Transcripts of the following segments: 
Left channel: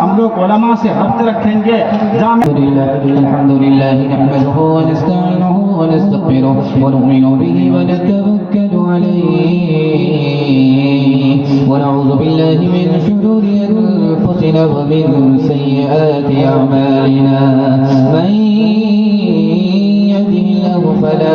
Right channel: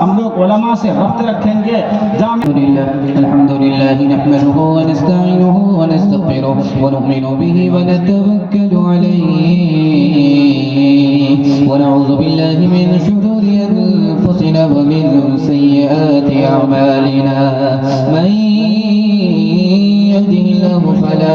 हम लोग उलमा से रब्त रखेंगे। अल्हम्दुलिल्लाह नहमदुहु व नस्तईनुहु व नस्तगफिरुहु व नु'मिनु बिही व नतवक्कलु अलैहि व नऊज़ु बिल्लाहि मिन शुरूरि अनफुसिना व मिन सय्यिआति अअमालिना मन यहदिहिल्लाहु फला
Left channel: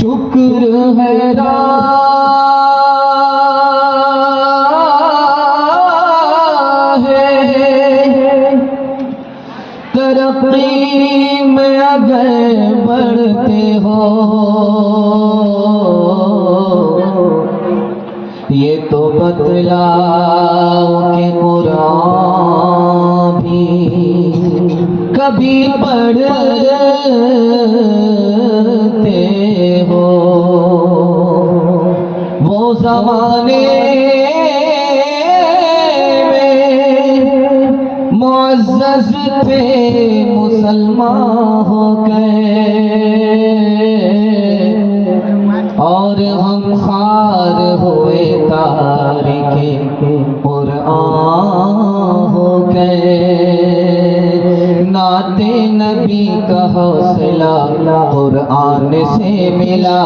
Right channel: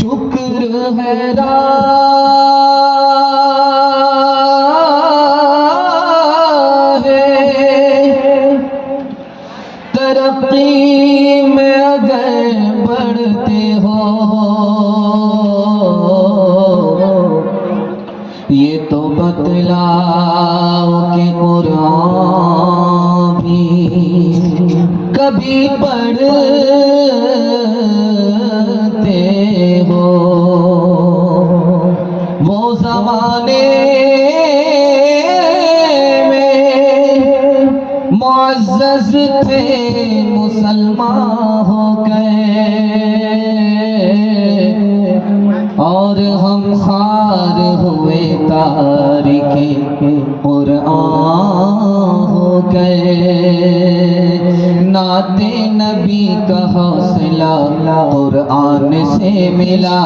शुक्र है तरक्की में अगर बढ़ते हो ये तो बतलाओ कि कुरान भी कभी पढ़ते हो। वो ज़माने मुअज़्ज़ज़ थे मुसलमान हो गए और हम खार हुए तारिके कुरान हो गए। नाते नबी का हौसला कुरान से मिला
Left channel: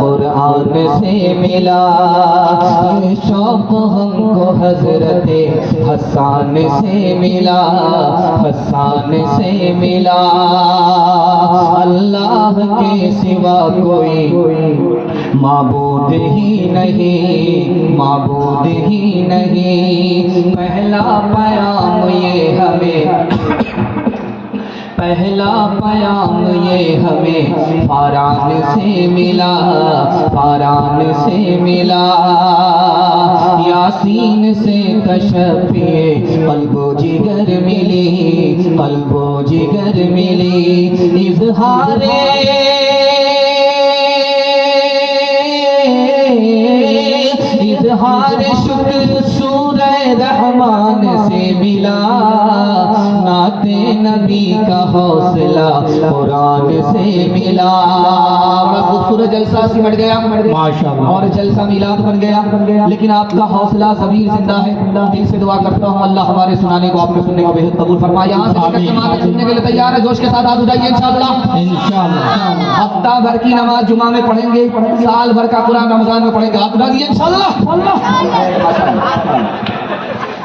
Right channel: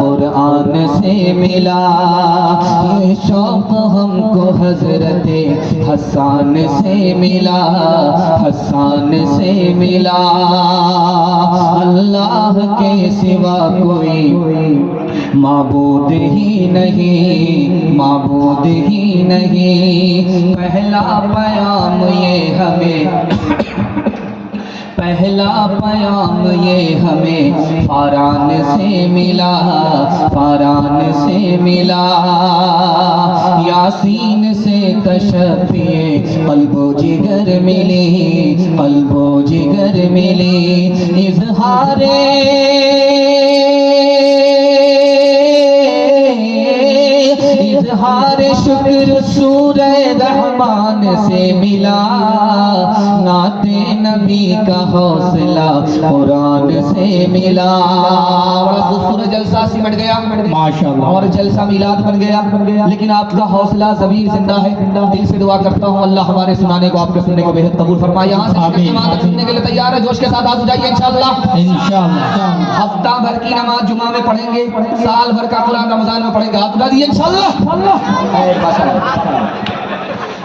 कुरान से मिला। ये शौक़ हमको हज़रते हसन से मिला हसन से मिला। अल्लाह के सिवा कोई माबूद ही नहीं माबूद ही नहीं। पहला प्याम ये हमें पहला प्याम ये हमें फारान से मिला फारान से मिला। यासीन से तशफ़िए क़ल्बो जिगर मिली क़ल्बो जिगर मिली। इज़हारे शुक्र सूरे रहमान से मिला। नाते नबी का हौसला कुरान से मिला। खूबसूरत जलसा सिमट गया माशाअल्लाह और जलसा मिलाद बन गया। लेकिन आपका हौसला ज़मीर जिंदा है। दिल से दुआ करता हूँ अल्लाह हमारे सुनाने को आपके सुनने को बेहद कबूल फरमाए। यहाँ से जमात सुनने के लिए तैयार है? जोश के साथ हाथ उठाइए इंशाअल्लाह। हफ्ता भर की नमाज जुमा में पढ़ेंगे, साल भर का कुरान रमजान में पढ़ेंगे। हाथ उठा दिए इंशाअल्लाह।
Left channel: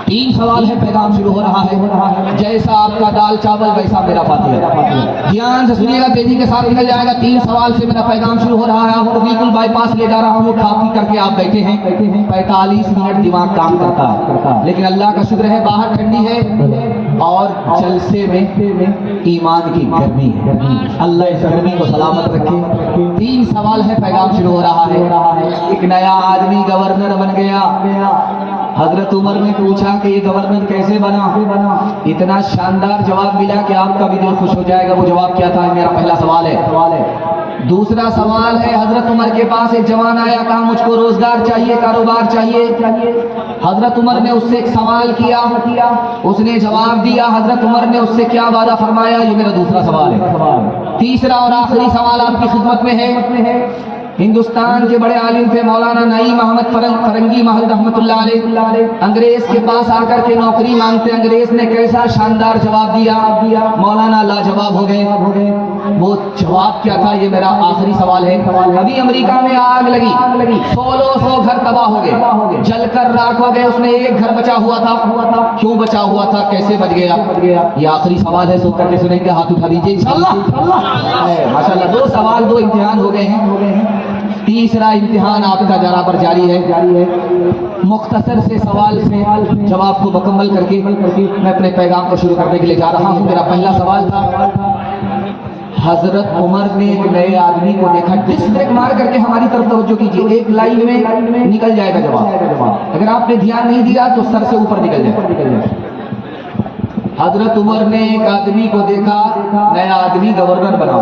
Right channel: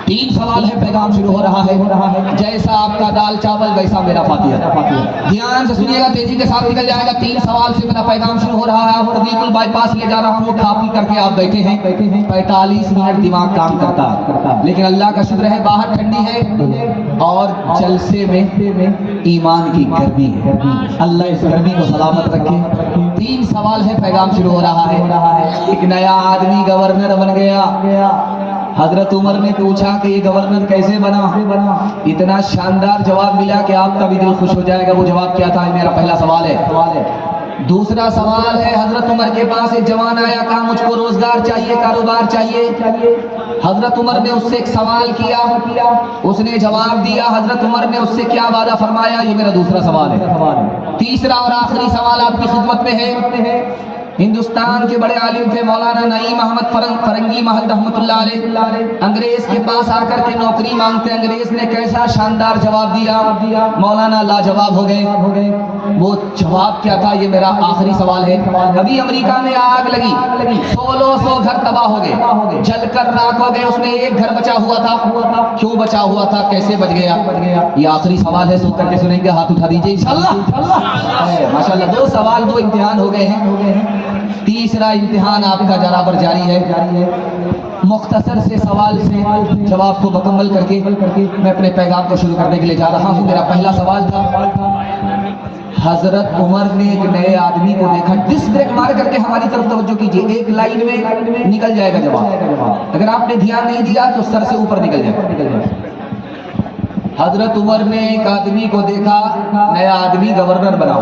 3 सवाल है, पैगाम शुरू हो रहा है। जैसा आपका दाल चावल वैसा मेरा फातिहा। ध्यान से सुनिएगा, तेजी के साथ निकल जाएगा। 3 सवाल से मेरा पैगाम शुरू हो रहा है और बिल्कुल बाईपास ले जा रहा हूँ। काफी करके आप बैठे हैं, 45 मिनट दिमाग काम करता, लेकिन अल्लाह का शुक्र है बाहर ठंडी है और जलसे में ईमान की गर्मी है। अल्लाह इस गर्मी को सलामत रखे। 3 सवाल है, पैगाम शुरू हो रहा है। एक नया आदमी गवर्नर बन गया। हजरत उमर ने पूछा कि ये गवर्नर कैसे बना? इतना शानदार जवाब मिला कि आपका भी दिल खुश हो जाएगा। वो जवाब क्या था? मेरा पहला सवाल है। दूसरा सवाल है, हजरत उमर के पास एक जवान आया, कहा मुझको रोजगार चाहिए, कारोबार चाहिए। हजरत उमर ने उससे एक सवाल किया, उसने जवाब दिया। हजरत उमर ने उससे क्या वादा फरमाया? ये मेरा दूसरा सवाल है। तीसरा और आखिरी सवाल आपकी खिदमत में है। हिंदुस्तान के बड़े आलिम थे मौलाना नईम अहमद फरंगी महल रहमतुल्लाह अलैह। अंग्रेज के पास आकर के नौकरी मांगते, अंग्रेज ने कैसा शानदार जवाब दिया, मौलाना लाजवाब हो गए। वो जवाब क्या था, ये मेरा आखिरी सवाल है। अभी अमेरिका में आग लगी, 1600 घर तबाह हो गए, जलकर राख हो गए, उसमें एक घर बचा हुआ था। क्यों बचा हुआ था, कैसे बच गया, ये आखिरी सवाल है। सोच करके सुनेंगे, हाथ उठा दीजिए इंशाअल्लाह। माशाअल्लाह, 2 सवाल 2 इम्तिहान हो गए हैं। तीसरा इम्तिहान आपका जरा पर जारी है। मुख्तसर से सवाल से जवाब को मुकम्मल करके मैं अपने पैगाम को शुरू करने के लिए जा रहा हूँ। मेरा पहला सवाल था, हजरत उमर ने एक नए आदमी को देखा, डिस्क ब्रेक मार करके हमारी तरफ तवज्जो कीजिए, एक लाइन में निकल जाएगा जवाब, अगर आपने ध्यान नहीं दिया तो सर से ऊपर निकल जाएगा। हजरत उमर ने एक आदमी को देखा, नया आदमी गवर्नर बना,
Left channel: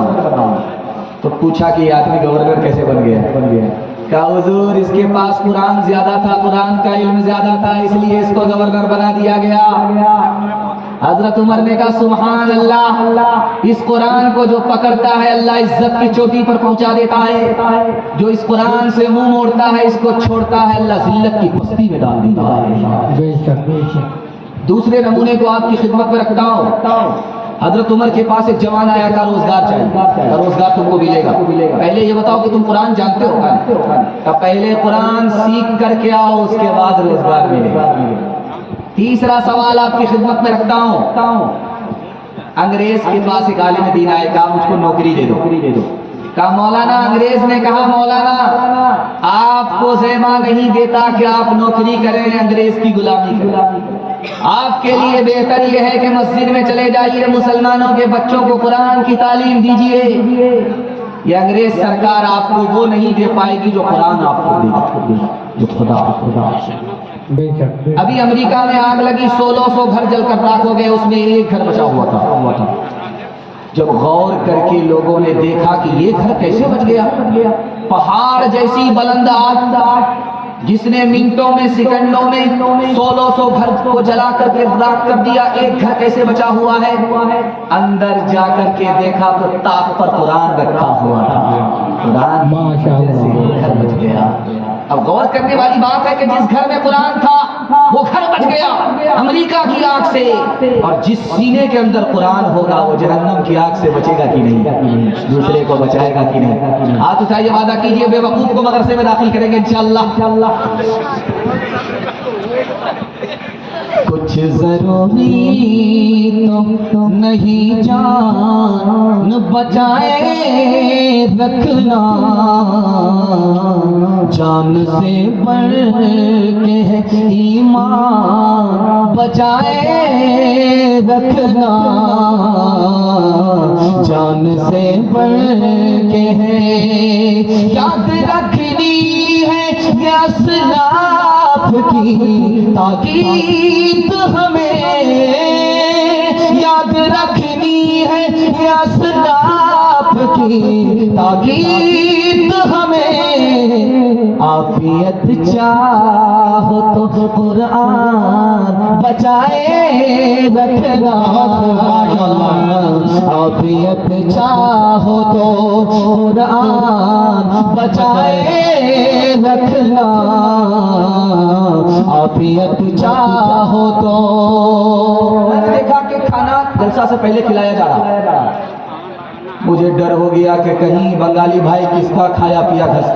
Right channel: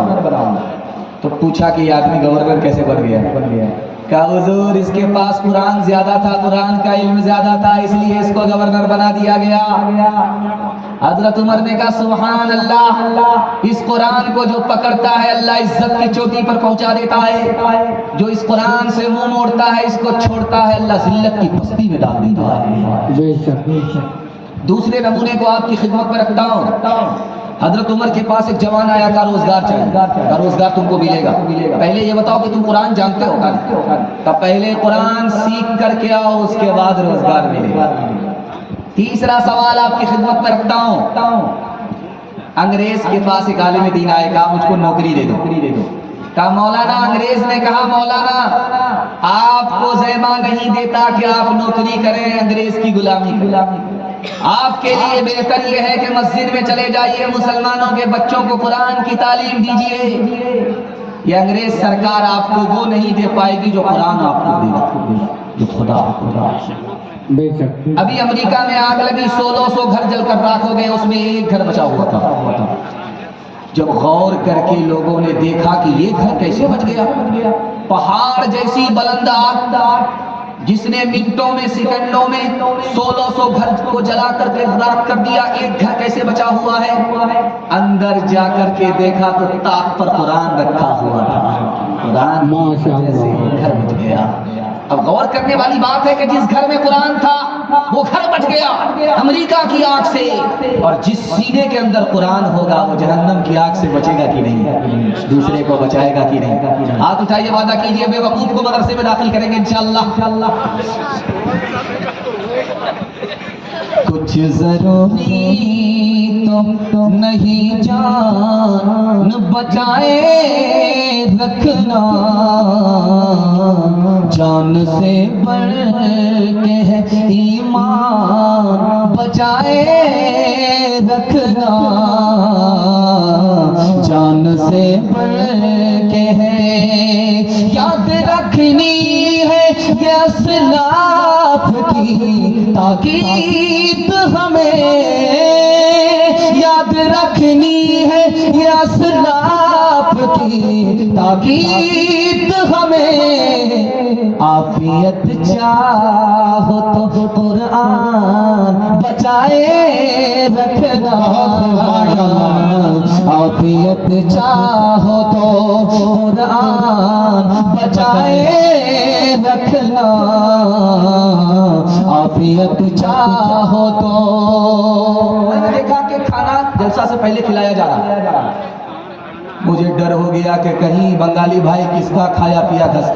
तो पूछा कि ये आदमी गवर्नर कैसे बन गया। क्या हुजूर, इसके पास कुरान ज्यादा था, कुरान का इल्म ज्यादा था, इसलिए इसको गवर्नर बना दिया गया। हजरत उमर ने कहा सुभान अल्लाह, इस कुरान को जो पकड़ता है अल्लाह इज्जत की चोटी पर पहुंचा देता है, जो इस कुरान से मुंह मोड़ता है, इसको छोड़ता है, अल्लाह जिल्लत की पस्ती में डाल देता है। दूसरे नमूने को आपकी खिदमत में रखता हूँ। हजरत उमर के पास एक जवान आया था, रोजगार चाहिए, रोजगार तुमको मिलेगा, पहले ये बताओ कि तुम कुरान जानते हो का? पहले कुरान सीख करके आओ, उसके बाद रोजगार मिलेगा। तीसरा सवाल आपकी खिदमत में रखता हूँ। अंग्रेज के पास एक आलिम दीन आए, कहा मुझको नौकरी दे दो। कहा मौलाना, अंग्रेज ने कहा मौलाना आपको ज़ैमा नहीं देता कि आप नौकरी करें, अंग्रेज की गुलामी करें। आपके लिए बेहतर यह है कि मस्जिद में चले जाइए, मुसलमानों के बच्चों को कुरान की तालीम दीजिए। ये अंग्रेज सरकार आपको वो नहीं दे पाएगी जो कुरान आपको देगा, जो खुदा। अभी अमेरिका में आग लगी, 1600 घर जलकर राख हो गए, उसमें एक घर बचा हुआ था। जब गौर करके लोगों ने देखा कि ये घर कैसे बच गया, पहाड़ जैसी बुलंद आग जिसने मिनटों में, सेकंडों में 1600 घर को जला करके राख कर दिया, एक घर कैसे बचा हुआ है। अंदर जाकर के देखा तो ताक पर कुरान रखा हुआ था, कुरान माशाअल्लाह घर बच गया। अब गौर करने वाली बात है कि जिस घर में कुरान था वो घर बच गया अमेरिका की आग से, और जिस सीने के अंदर कुरान होगा वो जहन्नम की आग से बचेगा कि नहीं, दूसरे को बचाएगा कि नहीं। हाथ उठाइए, वादा कीजिए बेवकूफ को मदरसे में दाखिल करेंगे इंशाअल्लाह। कुछ जरूरी तो नहीं जान बचाए रखना, जान से बढ़ के है ईमान बचाए रखना, जान से बढ़ के है याद रखनी है ये असलाफ की ताकीद, हमें याद रखनी है ये असलाफ की ताकीद, हमें आफियत चाहो तो कुरान बचाए रखना, आफियत चाहो तो कुरान बचाए रखना, आफियत चाहो तो। मैंने देखा कि खाना जलसा से पहले खिलाया जा रहा, मुझे डर हो गया कि कहीं बंगाली भाई किसका खाया पिया घस,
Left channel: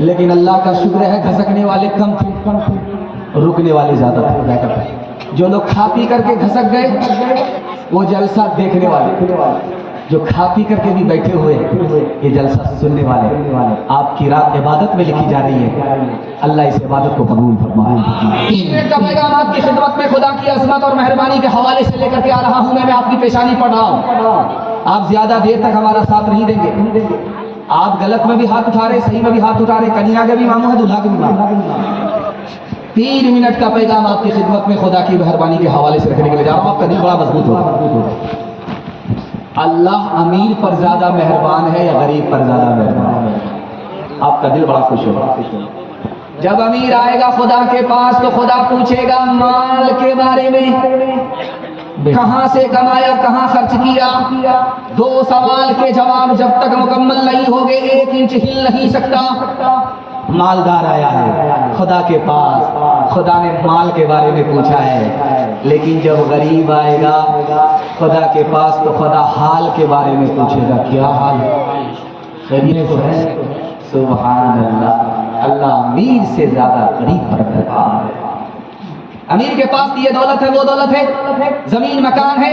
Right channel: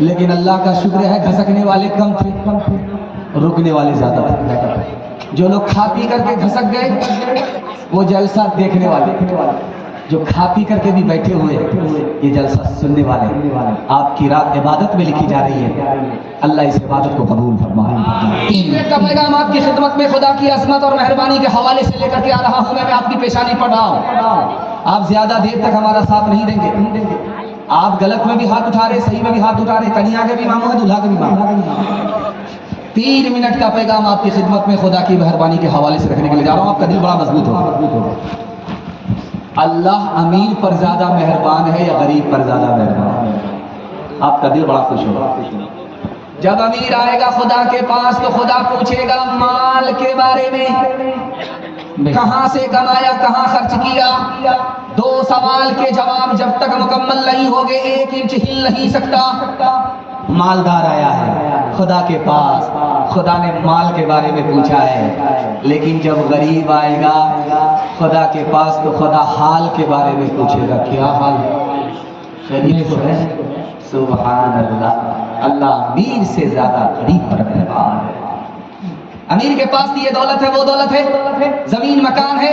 लेकिन अल्लाह का शुक्र है घसकने वाले कम थे, रुकने वाले ज्यादा थे। जो लोग खा पी करके घसक गए वो जलसा देखने वाले, जो खा पी करके भी बैठे हुए ये जलसा सुनने वाले। आपकी रात इबादत में लिखी जा रही है, अल्लाह इस इबादत को कबूल फरमाए। 3 मिनट का पैगाम आपकी खिदमत में खुदा की अज़मत और मेहरबानी के हवाले से लेकर के आ रहा हूँ। मैं आपकी पेशानी पढ़ रहा हूँ, आप ज्यादा देर तक हमारा साथ नहीं देंगे। आप गलत में भी हाथ उठा रहे, सही में भी हाथ उठा रहे, कन्या के भी मांगो है, दूल्हा के भी मांगो। 3 मिनट का पैगाम आपकी खिदमत में खुदा की मेहरबानी के हवाले से रखने के लिए जा रहा हूँ। आपका दिल बड़ा मजबूत होगा। अल्लाह अमीर पर ज्यादा मेहरबान है या गरीब पर ज्यादा मेहरबान है? आपका दिल बड़ा खुश होगा। जब अमीर आएगा खुदा के पास तो खुदा पूछेगा माल के बारे में, कहां से कमाया, कहां खर्च किया। 2 सवाल के जवाब जब तक मुकम्मल नहीं हो गए 1 इंच हिल नहीं सकता। मालदार आया है खुदा के पास, खुदा ने माल के बारे में पूछा है, लेकिन जब गरीब आएगा खुदा के पास तो खुदा हाल के बारे में पूछेगा, क्या हाल, खैरियत तो है। सुभान अल्लाह, अल्लाह अमीर से ज्यादा गरीब पर मेहरबान है। अमीर के पास ये दौलत है, वो दौलत है, जमीन मकान है,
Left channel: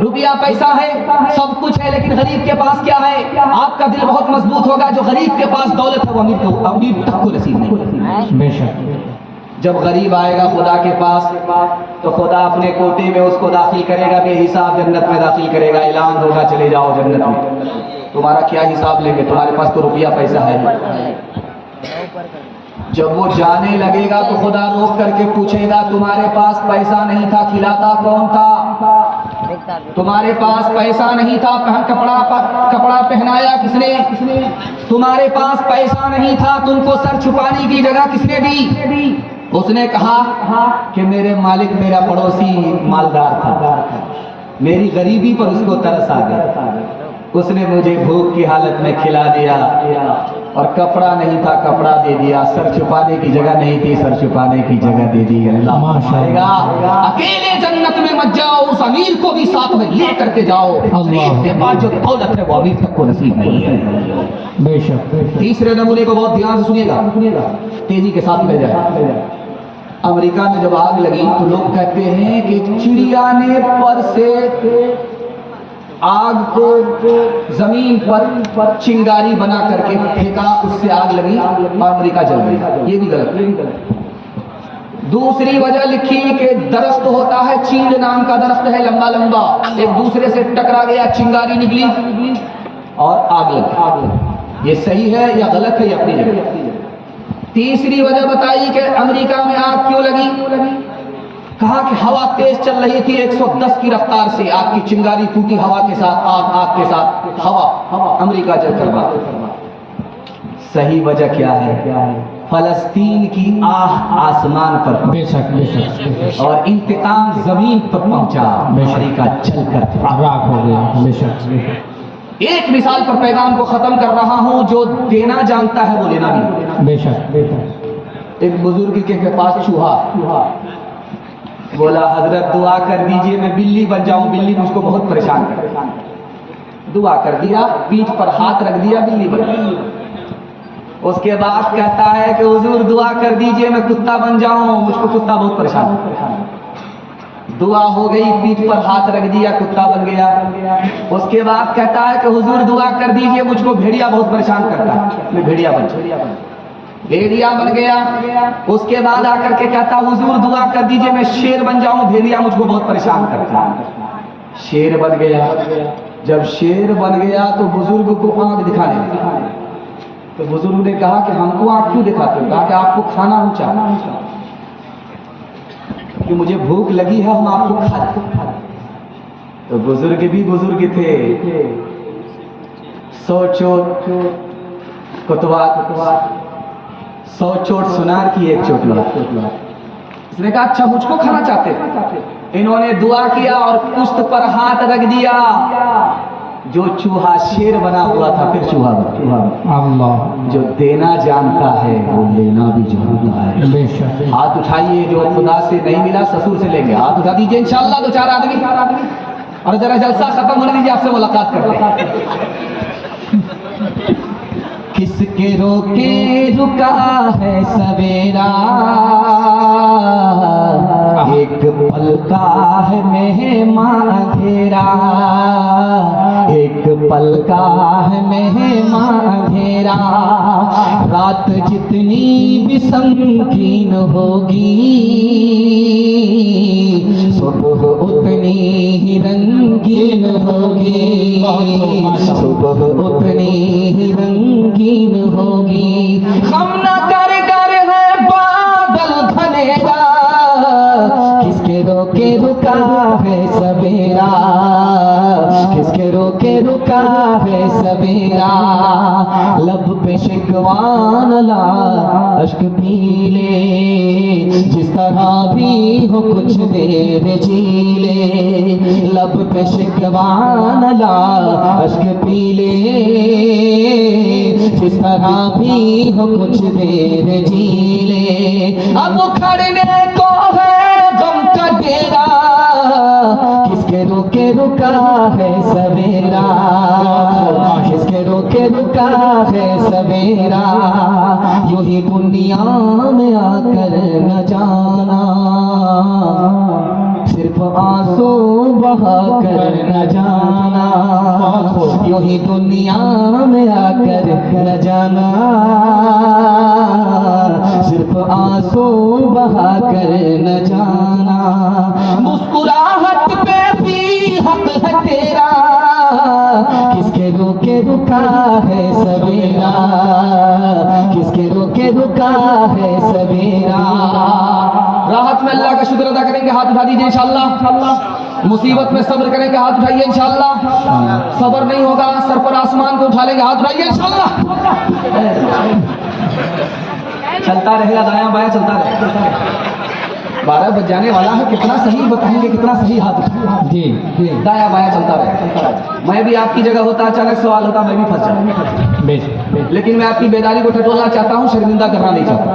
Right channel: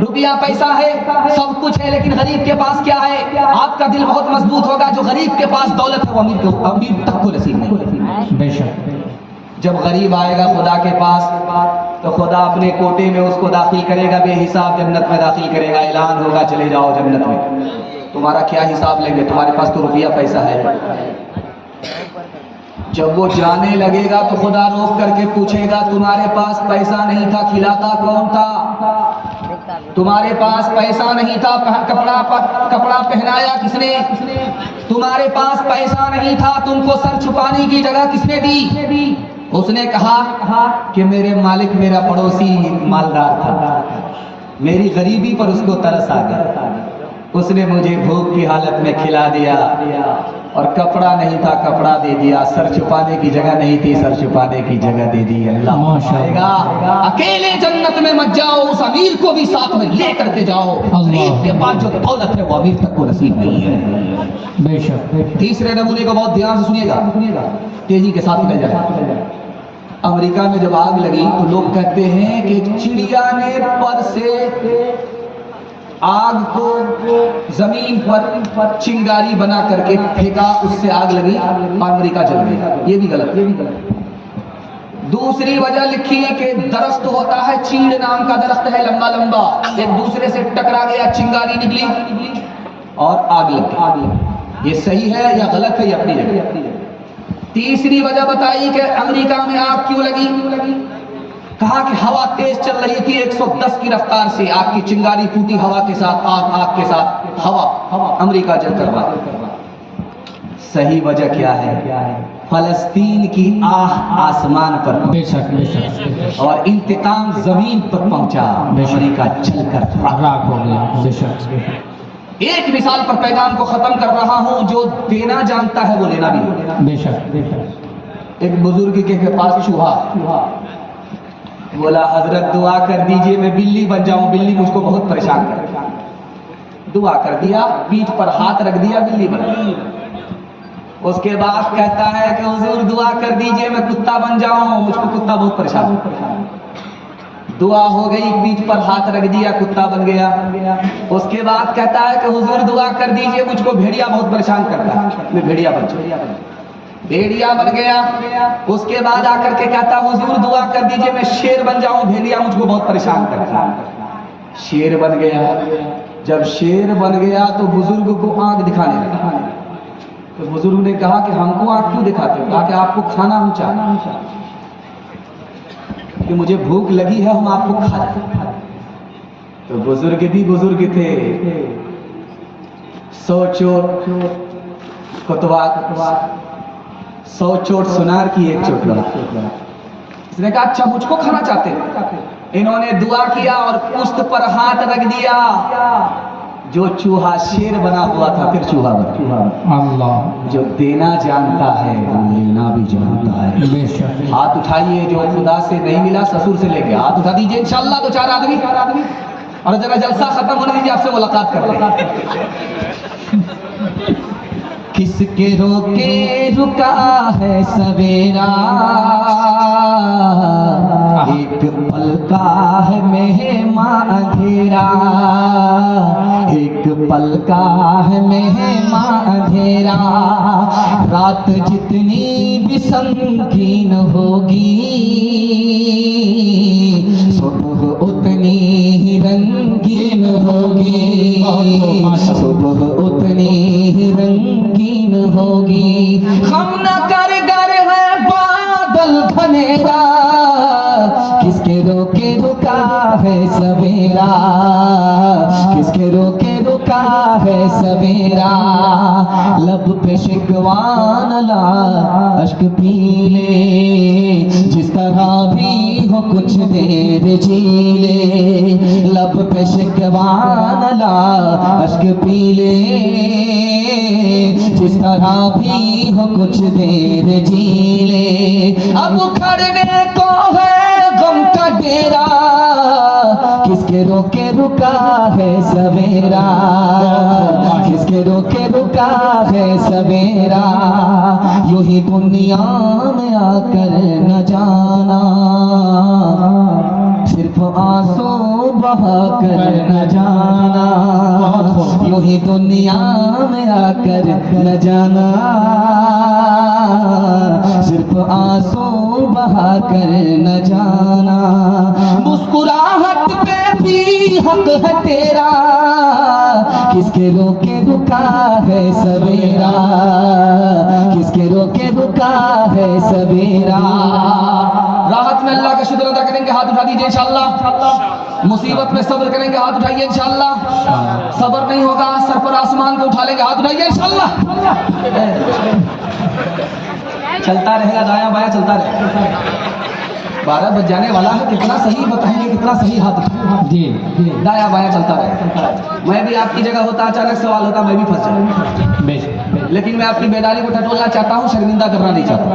रुपया पैसा है, सब कुछ है, लेकिन गरीब के पास क्या है। आपका दिल बहुत मजबूत होगा, जो गरीब के पास दौलत है वो अमीर तक को नसीब नहीं है। बेशक जब गरीब आएगा खुदा के पास तो खुदा अपने कोटे में उसको दाखिल करेगा, बेहिसाब जन्नत में दाखिल करेगा। ऐलान होगा चले जाओ जन्नत में। तुम्हारा क्या हिसाब लेंगे, तुम्हारे पास तो रुपया पैसा है। जब वो जाने लगेगा तो खुदा रोक करके पूछेगा, तुम्हारे पास पैसा नहीं था, खिलाता कौन था। तुम्हारे पास पैसा नहीं था, कपड़ा पहनाया किसने। तुम्हारे पास पैसा नहीं था, तुमको सर छुपाने की जगह किसने दी। उसने कहा कि मेरे मालिक, मेरा पड़ोसी मालदार था, मेरी गरीबी पर उसको तरस आ गया, उसने मुझे भूख की हालत में खिला दिया, और कपड़ा नहीं था, कपड़ा दे दिया, सर छुपाने की जगह नहीं थी, सर छुपाने की जगह दे दी। अल्लाह आएगा, अकेले जन्नत में मत जाओ, उस अमीर को भी साथ में ले करके जाओ। के पास जो दौलत है वो अमीर तक को नसीब नहीं है। बेशक तीसरे नमूने को बहुत ध्यान से सुनिएगा, तेजी के साथ ले जाए। अमेरिका में जब आग लगी तो लोग कहते हैं कि चिड़िया ने पर से आग को जमीन पर चिंगारी बना करके फेंका, उससे आग लगी और अमेरिका जल गई। ये भी गलत। दूसरी वजह लिखी कि दरख्त होता है, चीड़ नाम का दरख्त है, लंबा लंबा, एक दूसरे से टकरा गया, चिंगारी निकली और आग लगी। ये सही है या गलत है, ये अपनी जगह। तीसरी वजह बताई कि अमेरिका में आग क्यों लगी। कहा कि हवा तेज चल रही थी 110 की रफ्तार से, आग की चिंगारी फूटी हवा के साथ, आग के साथ हवा, अमेरिका जलकर बात। सही वजह क्या है, फलस्तीन की आह आसमान पर, बेशक और इंतकाम जमीन पर पहुंचा, अमेरिका जलकर राख हो गया। एक मिसाल पर पैगाम को खत्म कर रहा हूं, जो देना जानता है वो लेना भी। बेशक एक बुजुर्ग के पास चूहा बोला, हजरत दुआ कर दीजिए मैं बिल्ली बन जाऊं, बिल्ली मुझको बहुत परेशान कर रही है। दुआ कर दिया, पीठ पर हाथ रख दिया, बिल्ली बन गई। उसके बाद कहता है कि हुजूर दुआ कर दीजिए मैं कुत्ता बन जाऊं, मुझको कुत्ता बहुत परेशान है। दुआ हो गई, पीठ पर हाथ रख दिया, कुत्ता बन गया। उसके बाद कहता है कि हुजूर दुआ कर दीजिए मुझको भेड़िया बहुत परेशान करता है, मैं भेड़िया बन जाऊं, भेड़िया बन गया। उसके बाद आकर के कहता हुजूर दुआ कर दीजिए मैं शेर बन जाऊं, भेड़िया मुझको बहुत परेशान करता है। शेर बन गया। जब शेर बन गया तो बुजुर्ग को आंख दिखाने लगा। तो बुजुर्ग ने कहा कि हमको आंख क्यों दिखाते हो। कहा कि आपको खाना हम चाहते, कि मुझे भूख लगी है, हम आपको खाते। तो बुजुर्ग भी बुजुर्ग थे, 100 चोट कुतवा, 100 चोट सुनार की, 1 चोट लगा। इसने कहा अच्छा मुझको खाना चाहते थे। इन्होंने दुआ किया और पुश्त पर हाथ रख दिया। जो चूहा शेर बना हुआ था फिर चूहा बना। अल्लाह, जो देना जानता है वो लेना भी जानता है। हाथ उठाइए, जो खुदा से नहीं मिला ससुर से लेके हाथ उठा दीजिए, इंशाअल्लाह 2-4 आदमी। और जरा जलसा खत्म होने दीजिए, आपसे मुलाकात करते हैं। किसके रोके रुका है सवेरा, एक पल का है मेहमां अंधेरा, एक पल का है मेहमां अंधेरा। रात जितनी भी संगीन होगी, सुबह उतनी ही रंगीन होगी, सुबह उतनी ही रंगीन होगी। हम न कर गर है बादल घनेरा, किसके रोके रुका है सवेरा, किसके रोके रुका है सवेरा। लब पे शिकवान ला अश्क पी ले, जिस तरह भी हो कुछ देर जी ले, शिकवा न ला, अश्क पी ले जिस तरह भी हो कुछ देर जी ले। अब खड़ने को है गम का डेरा, किसके रोके रुका है सवेरा, किसके रोके रुका है सवेरा। यूं ही दुनिया में आकर न जाना, सिर्फ आंसू बहा कर न जाना। यूं ही दुनिया में आकर न जाना, सिर्फ आंसू बहा कर न जाना। मुस्कुराहट पे भी हक है तेरा, किसके रोके रुका है सवेरा, किसके रोके रुका है सवेरा। राहत में अल्लाह का शुक्र अदा करेंगे, हाथ उठा दीजिए इंशाअल्लाह। मुसीबत में सब्र करेंगे, हाथ उठाइए इंशाअल्लाह। सब्र नहीं होगा सर पर आसमान को उठा लेंगे, हाथ उठाइए इंशाअल्लाह। चलता रहेगा, दायां बायां चलता रहेगा। 12 बज जाने वाला है, कितना सही बताएंगे, कितना सही हाथ उठाएंगे। जी दाया बाया चलता रहे। मैं भी आपकी जगह होता, अचानक सवाल होता, मैं भी फंस जाऊँ। लेकिन मैं आपकी बेदारी को टटोलना चाहता हूँ, शर्मिंदा करना नहीं चाहता।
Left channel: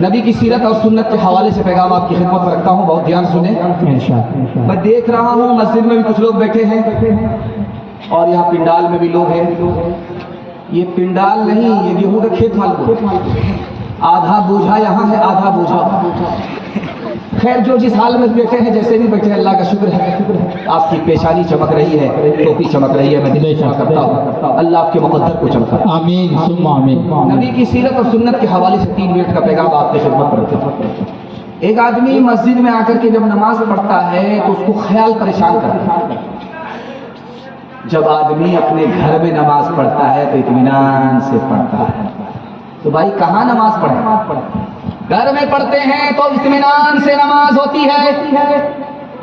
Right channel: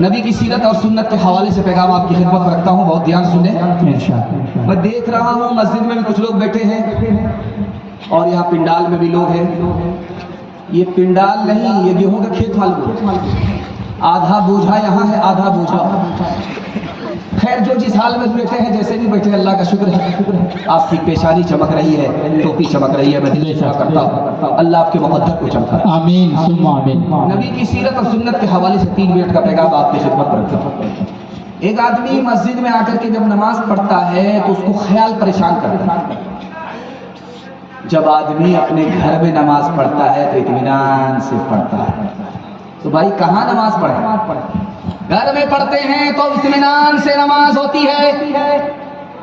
नबी की सीरत और सुन्नत के हवाले से पैगाम आपकी खिदमत में रखता हूँ, बहुत ध्यान सुने। मैं देख रहा हूँ मस्जिद में भी कुछ लोग बैठे हैं और यहाँ पिंडाल में भी लोग हैं। ये पिंडाल नहीं, ये गेहूं का खेत मालूम। आधा बोझा यहाँ है, आधा बोझा। खैर जो जिस हाल में बैठे हैं, जैसे भी बैठे, अल्लाह का शुक्र है। आपकी पेशानी चमक रही है, टोपी चमक रही है, मैं दिल से करता हूँ अल्लाह आपके मुक़द्दर को चमका। आमीन सुम्मा आमीन। नबी की सीरत और सुन्नत के हवाले से 3 मिनट का पैगाम आपकी खिदमत में रखता हूँ। एक आदमी मस्जिद में आकर के जब नमाज पढ़ता है तो उसको ख्याल परेशान करता है। जब आदमी अपने घर में नमाज पढ़ता है तो इत्मीनान से पढ़ता है। तो भाई कहाँ नमाज पढ़े? घर में पढ़ते हैं तो इत्मीनान से नमाज होती है।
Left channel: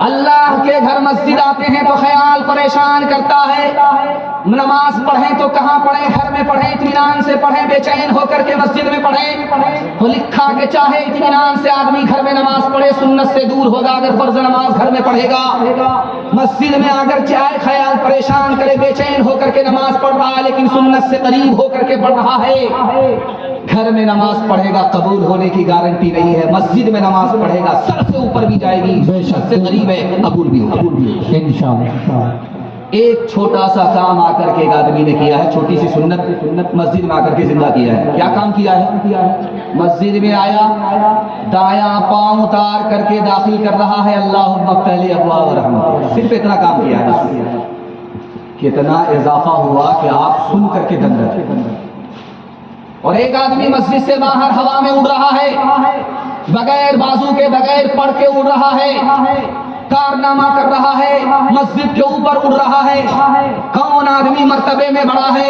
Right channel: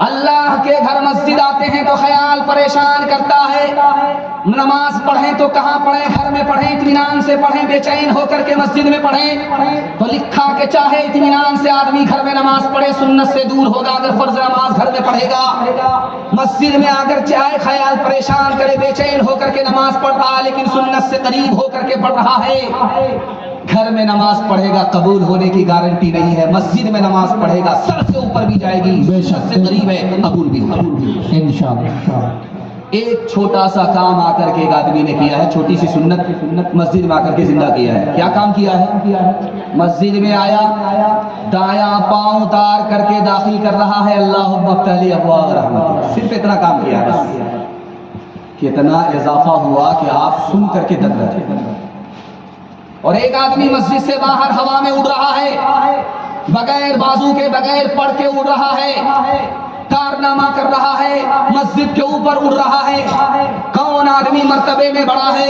अल्लाह के घर मस्जिद आते हैं तो ख्याल परेशान करता है। नमाज पढ़ें तो कहाँ पढ़ें? घर में पढ़ें, इत्मीनान से पढ़ें, बेचैन होकर के मस्जिद में पढ़ें। तो लिखा के चाहे इत्मीनान से आदमी घर में नमाज पढ़े, सुन्नत से दूर होगा अगर फर्ज नमाज घर में पढ़ेगा। मस्जिद में आकर चाहे ख्याल परेशान करे, बेचैन होकर के नमाज पढ़ रहा है लेकिन सुन्नत से करीब होकर के पढ़ रहा है। घर में नमाज पढ़ेगा, कबूल होने की गारंटी नहीं है। मस्जिद में नमाज पढ़ेगा, सर से ऊपर भी जाएगी, बेशक से करीब है, कबूल भी होगा इंशाअल्लाह। एक छोटा सा काम आकर के एक आदमी ने किया है, छोटी सी सुन्नत मस्जिद में आकर के जिंदा किया है। क्या काम किया है? मस्जिद में आया, दायां पांव उतार करके दाखिल कर रहा है, अल्लाहुम्मा फ़्तह अबवाब रहमत। सिर्फ इतना काम किया है। कितना इजाफा हुआ कि आप सुन करके दंग रहे। और एक आदमी मस्जिद से बाहर हवा में उड़ रहा है, बगैर बाजू के, बगैर पढ़ के उड़ रहा है, कारनामा कर रहा है, मस्जिद के ऊपर उड़ रहा है। कौन आदमी मर्तबे में बड़ा है?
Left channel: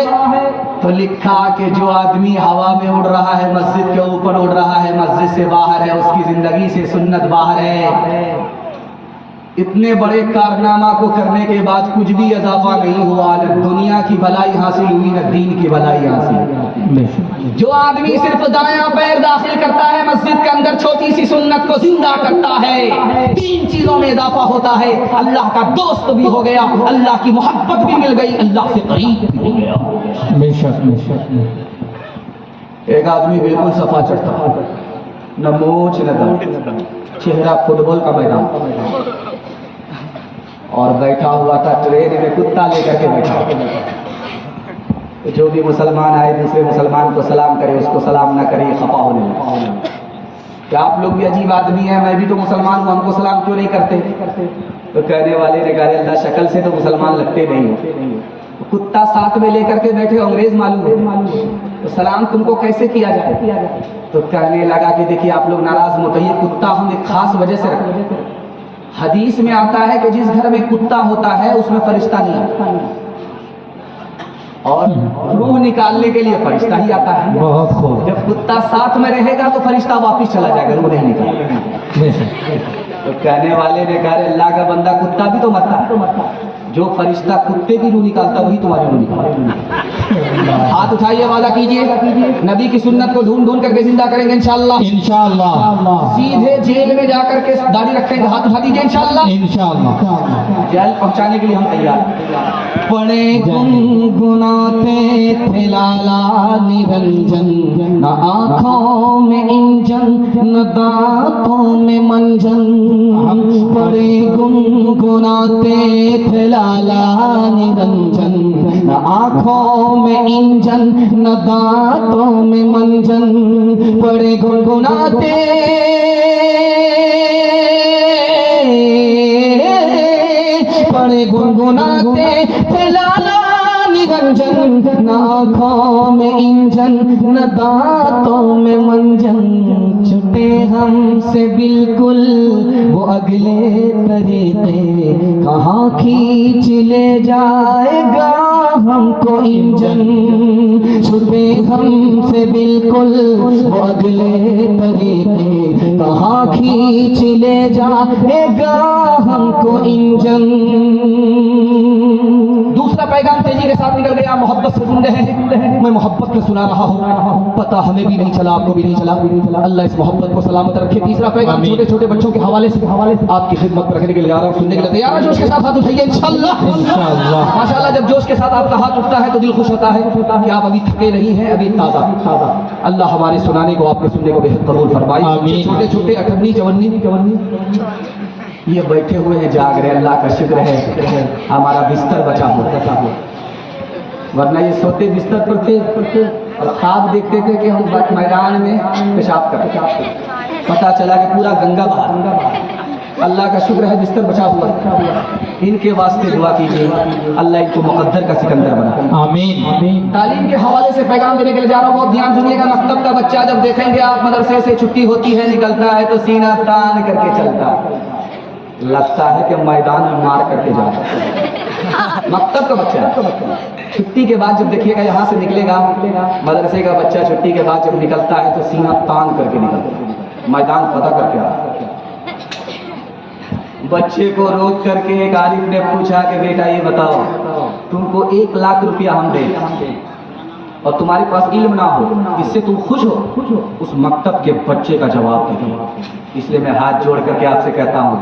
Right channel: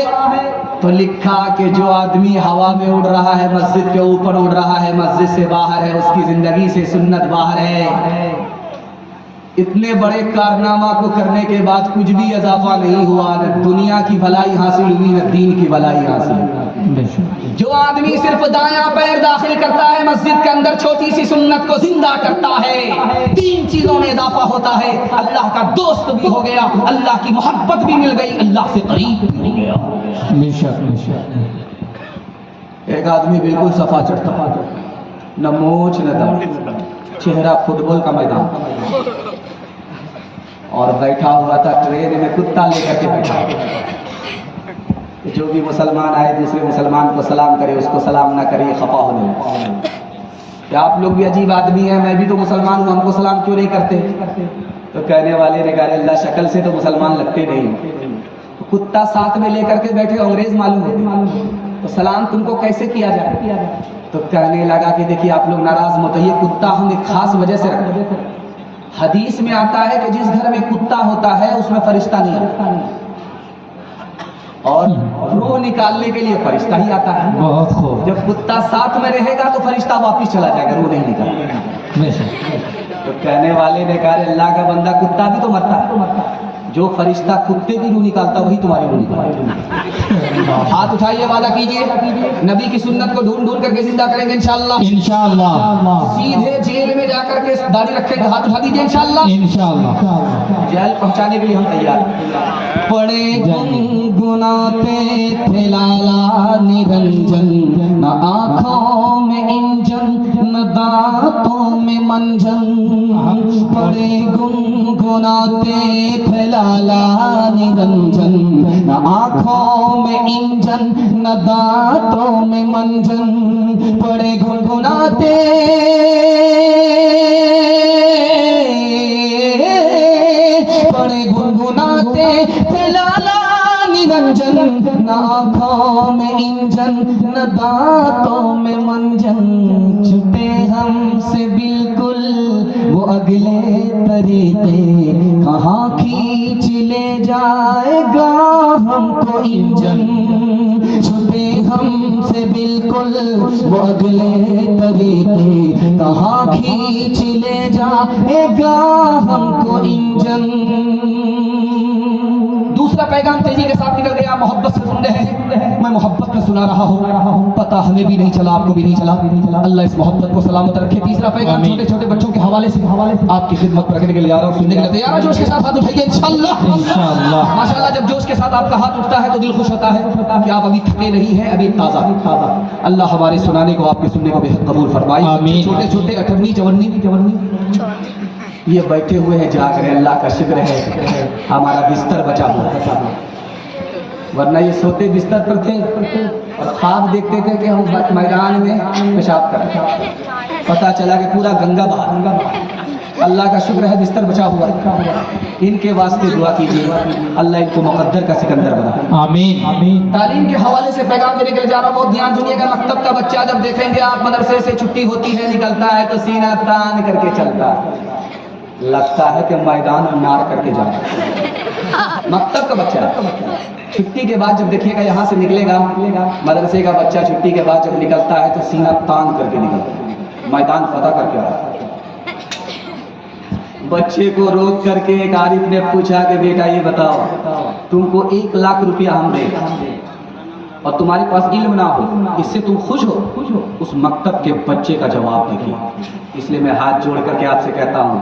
तो लिखा कि जो आदमी हवा में उड़ रहा है, मस्जिद के ऊपर उड़ रहा है, मस्जिद से बाहर है, उसकी जिंदगी से सुन्नत बाहर है। इतने बड़े कारनामा को करने के बाद कुछ भी इजाफा नहीं हुआ, न दुनिया की भलाई हासिल हुई, न दीन की भलाई हासिल हुई। जो आदमी सिर्फ दायां पैर दाखिल करता है मस्जिद के अंदर, छोटी सी सुन्नत को जिंदा करता है, 3 चीजों में इजाफा होता है। अल्लाह का दोस्त भी हो गया, अल्लाह की मोहब्बत भी मिल गई, अल्लाह से करीब भी हो गया। एक आदमी बिल्कुल सफा चढ़ता है, न मोछ न दाढ़ी, चेहरा फुटबॉल का मैदान, और बैठा हुआ था ट्रेन में, कुत्ता लेकर के बैठा। तो जो भी मुसलमान आए दूसरे मुसलमान को सलाम करे, उसको सलाम ना करे, खफा होने लगे कि आप लोग भी अजीब आदमी हैं, मैं भी तो मुसलमान हूँ, हमको सलाम क्यों नहीं करते? तो कहने वाले ने कहा, अल्लाह शक्ल से तो मुसलमान लगते नहीं। तो कुत्ता साथ में लेकर के बैठे, अंग्रेज मालूम है, तो सलाम तुमको कैसे किया जाए? तो कहने लगा कि देखिए आप लोग नाराज मत होइए, कुत्ता हम एक खास वजह से रखते हैं। हदीस में आता है कि जिस घर में कुत्ता होता है उसमें फरिश्ता नहीं आता, और रूह निकालने के लिए फरिश्ता ही आता है। जब कुत्ता साथ में रहेगा तो फरिश्ता वापस चला जाएगा, रूह नहीं निकालेगा। तो कहने वाले ने कहा, अल्लाह का बंदा, कुत्ता भी तो मरता है, जो फरिश्ता कुत्ते की रूह निकालता वही तुम्हारी रूह निकालता। हाथ उठाइए, वादा कीजिए नबी की सुन्नत को ढूंढ ढूंढ करके जिंदा करेंगे इंशाअल्लाह। इंशाअल्लाह सीधे जेल में जाकर के दाढ़ी रखेंगे, हाथ उठा दीजिए इंशाअल्लाह। इंशाअल्लाह जेल पहुंचाने के लिए हम तैयार। पड़े गुनगुनाते थे लाला निरंजन, न आँखों में इंजन न दांतों में मंजन। पड़े गुनगुनाते थे लाला निरंजन, न आँखों में इंजन न दांतों में मंजन। पड़े गुनगुनाते गुनगुनाते थे लाला निरंजन, न आँखों में इंजन न दांतों में मंजन। छुटे हमसे बिल्कुल वो अगले तरीके, कहाँ खींच ले जाएगा हमको इंजन। छुटे हमसे बिल्कुल वो अगले तरीके, कहाँ खींच ले जाएगा हमको इंजन। दूसरा पैगाम तेजी के साथ निकल गया, मोहब्बत से सुन रहे हैं, मैं मोहब्बत में सुना रहा हूँ, पता हमें भी नहीं चला, आपको भी नहीं चला। अल्लाह इस मोहब्बत को सलामत रखे। तीसरा पैगाम छोटे छोटे बच्चों के हवाले से आपकी खिदमत पर रखने के लिए आ रहा हूँ, सुनने के लिए तैयार। जोश के साथ हाथ उठाइए इंशाअल्लाह। माशाअल्लाह, जब जोश के साथ आपका हाथ उठता है तो दिल खुश होता है कि आप अभी थके नहीं हैं, अभी ताज़ा। अल्लाह हमारे सुनाने को, आपके सुनने को बेहद कबूल फरमाए। छोटे छोटे 58 54 ये बैठे हुए हैं, जाग रहे। अल्लाह का शुक्र है हमारा बिस्तर बचा हुआ, वरना ये सोते बिस्तर पर थे और ख्वाब देखते थे कि हम मैदान में पेशाब करते। पता चला कि पूरा गंगा बहा। अल्लाह का शुक्र है बिस्तर बचा हुआ। इनके वास्ते दुआ कीजिए, अल्लाह इनको मुकद्दर का सिकंदर बना। आमीन। तालीम के हवाले से पैगाम देने के लिए जा रहा हूँ, बहुत ध्यान सुनिएगा। मकतब का बच्चा जब देखेंगे आप, मदरसे से छुट्टी होती है, निकलता है तो सीना तान करके चलता है, लगता है कि मैदान में मार करके जा रहा है। मकतब का बच्चा छुट्टी के बाद जब देखिएगा यहाँ से निकलेगा, मदरसे का बच्चा छुट्टी के बाद जब निकलता है तो सीना तान करके निकलता है, मैदान फतह करके आता है। बच्चे को रोक करके एक आरिफ ने पूछा कि बेटा ये बताओ, तुमको 1 लाख रुपया हम दें और तुम्हारे पास इल्म ना हो, इससे तुम खुश हो? उस मकतब के बच्चे का जवाब देखिए। इसलिए मैं हाथ जोड़ करके आपसे कहता हूँ,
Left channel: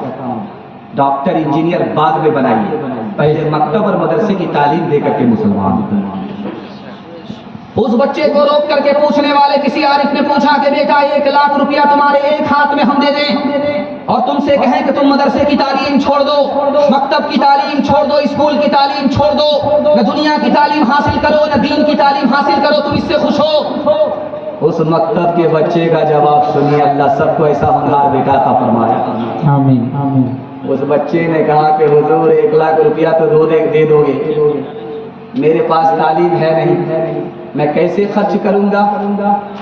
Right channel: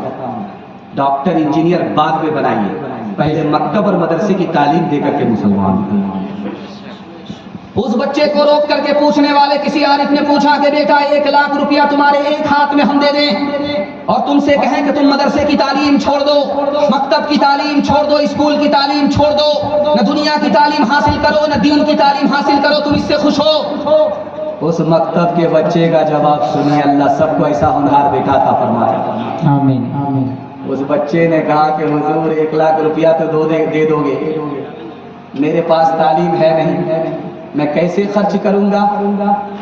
डॉक्टर इंजीनियर बाद में बनाइए, पहले मकतब और मदरसे की तालीम दे करके मुसलमान। उस बच्चे को रोक करके पूछने वाले किसी आरिफ ने पूछा कि बेटा 1 लाख रुपया तुम्हारे एक हाथ में हम दे दें और तुमसे कहें कि तुम मदरसे की तालीम छोड़ दो, मकतब की तालीम छोड़ दो, स्कूल की तालीम छोड़ दो, न दुनिया की तालीम हासिल करो न दीन की तालीम हासिल करो, तुम इससे खुश हो? उस मकतब के बच्चे का जवाब सुनिए, अल्लाह सबको ऐसा होनहार बेटा अता फरमाए। आमीन। उस बच्चे ने कहा कि हुजूर 1 लाख रुपया तो दे दोगे, मेरे पास तालीम है नहीं, मैं कैसे खर्च करूंगा?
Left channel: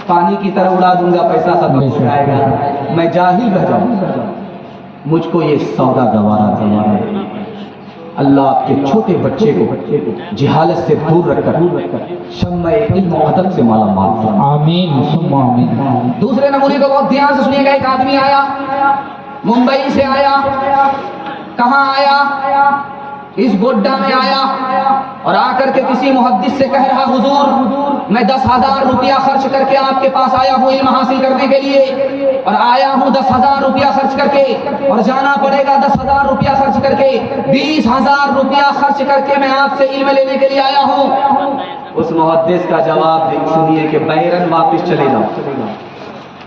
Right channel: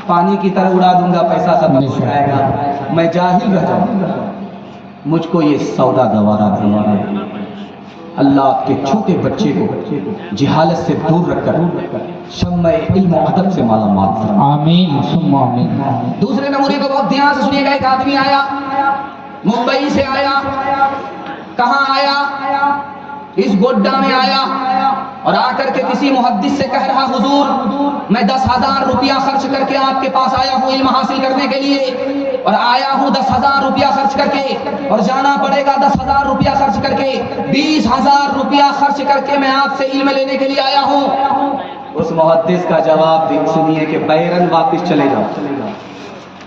पानी की तरह उड़ा दूंगा, पैसा खत्म हो जाएगा, मैं जाहिल रह जाऊंगा। मुझको ये सौदा गवारा दिया है। अल्लाह आपके छोटे बच्चे को जिहालत से दूर रखकर शम्मे इल्म अदब से मालामाल फरमाए। आमीन। दूसरे नमूने को बहुत ध्यान से सुनिएगा। एक आदमी आया, मुंबई से आया। कहाँ आया? इस गोड्डा में आया और आकर के किसी मुहद्दिस से कह रहा, हुजूर मैं 10,000 रुपया खर्च करके आपके पास आया हूँ इल्म हासिल करने के लिए, और आया हूँ 10,000 रुपया खर्च करके, और जाना पड़ेगा 10,000 रुपया खर्च करके, 20,000 रुपया खर्च करके मैं आपसे इल्म लेने के लिए आया हूँ। उस मुहद्दिस का जवाब सुनिए कि बैरन वापस चले जाओ,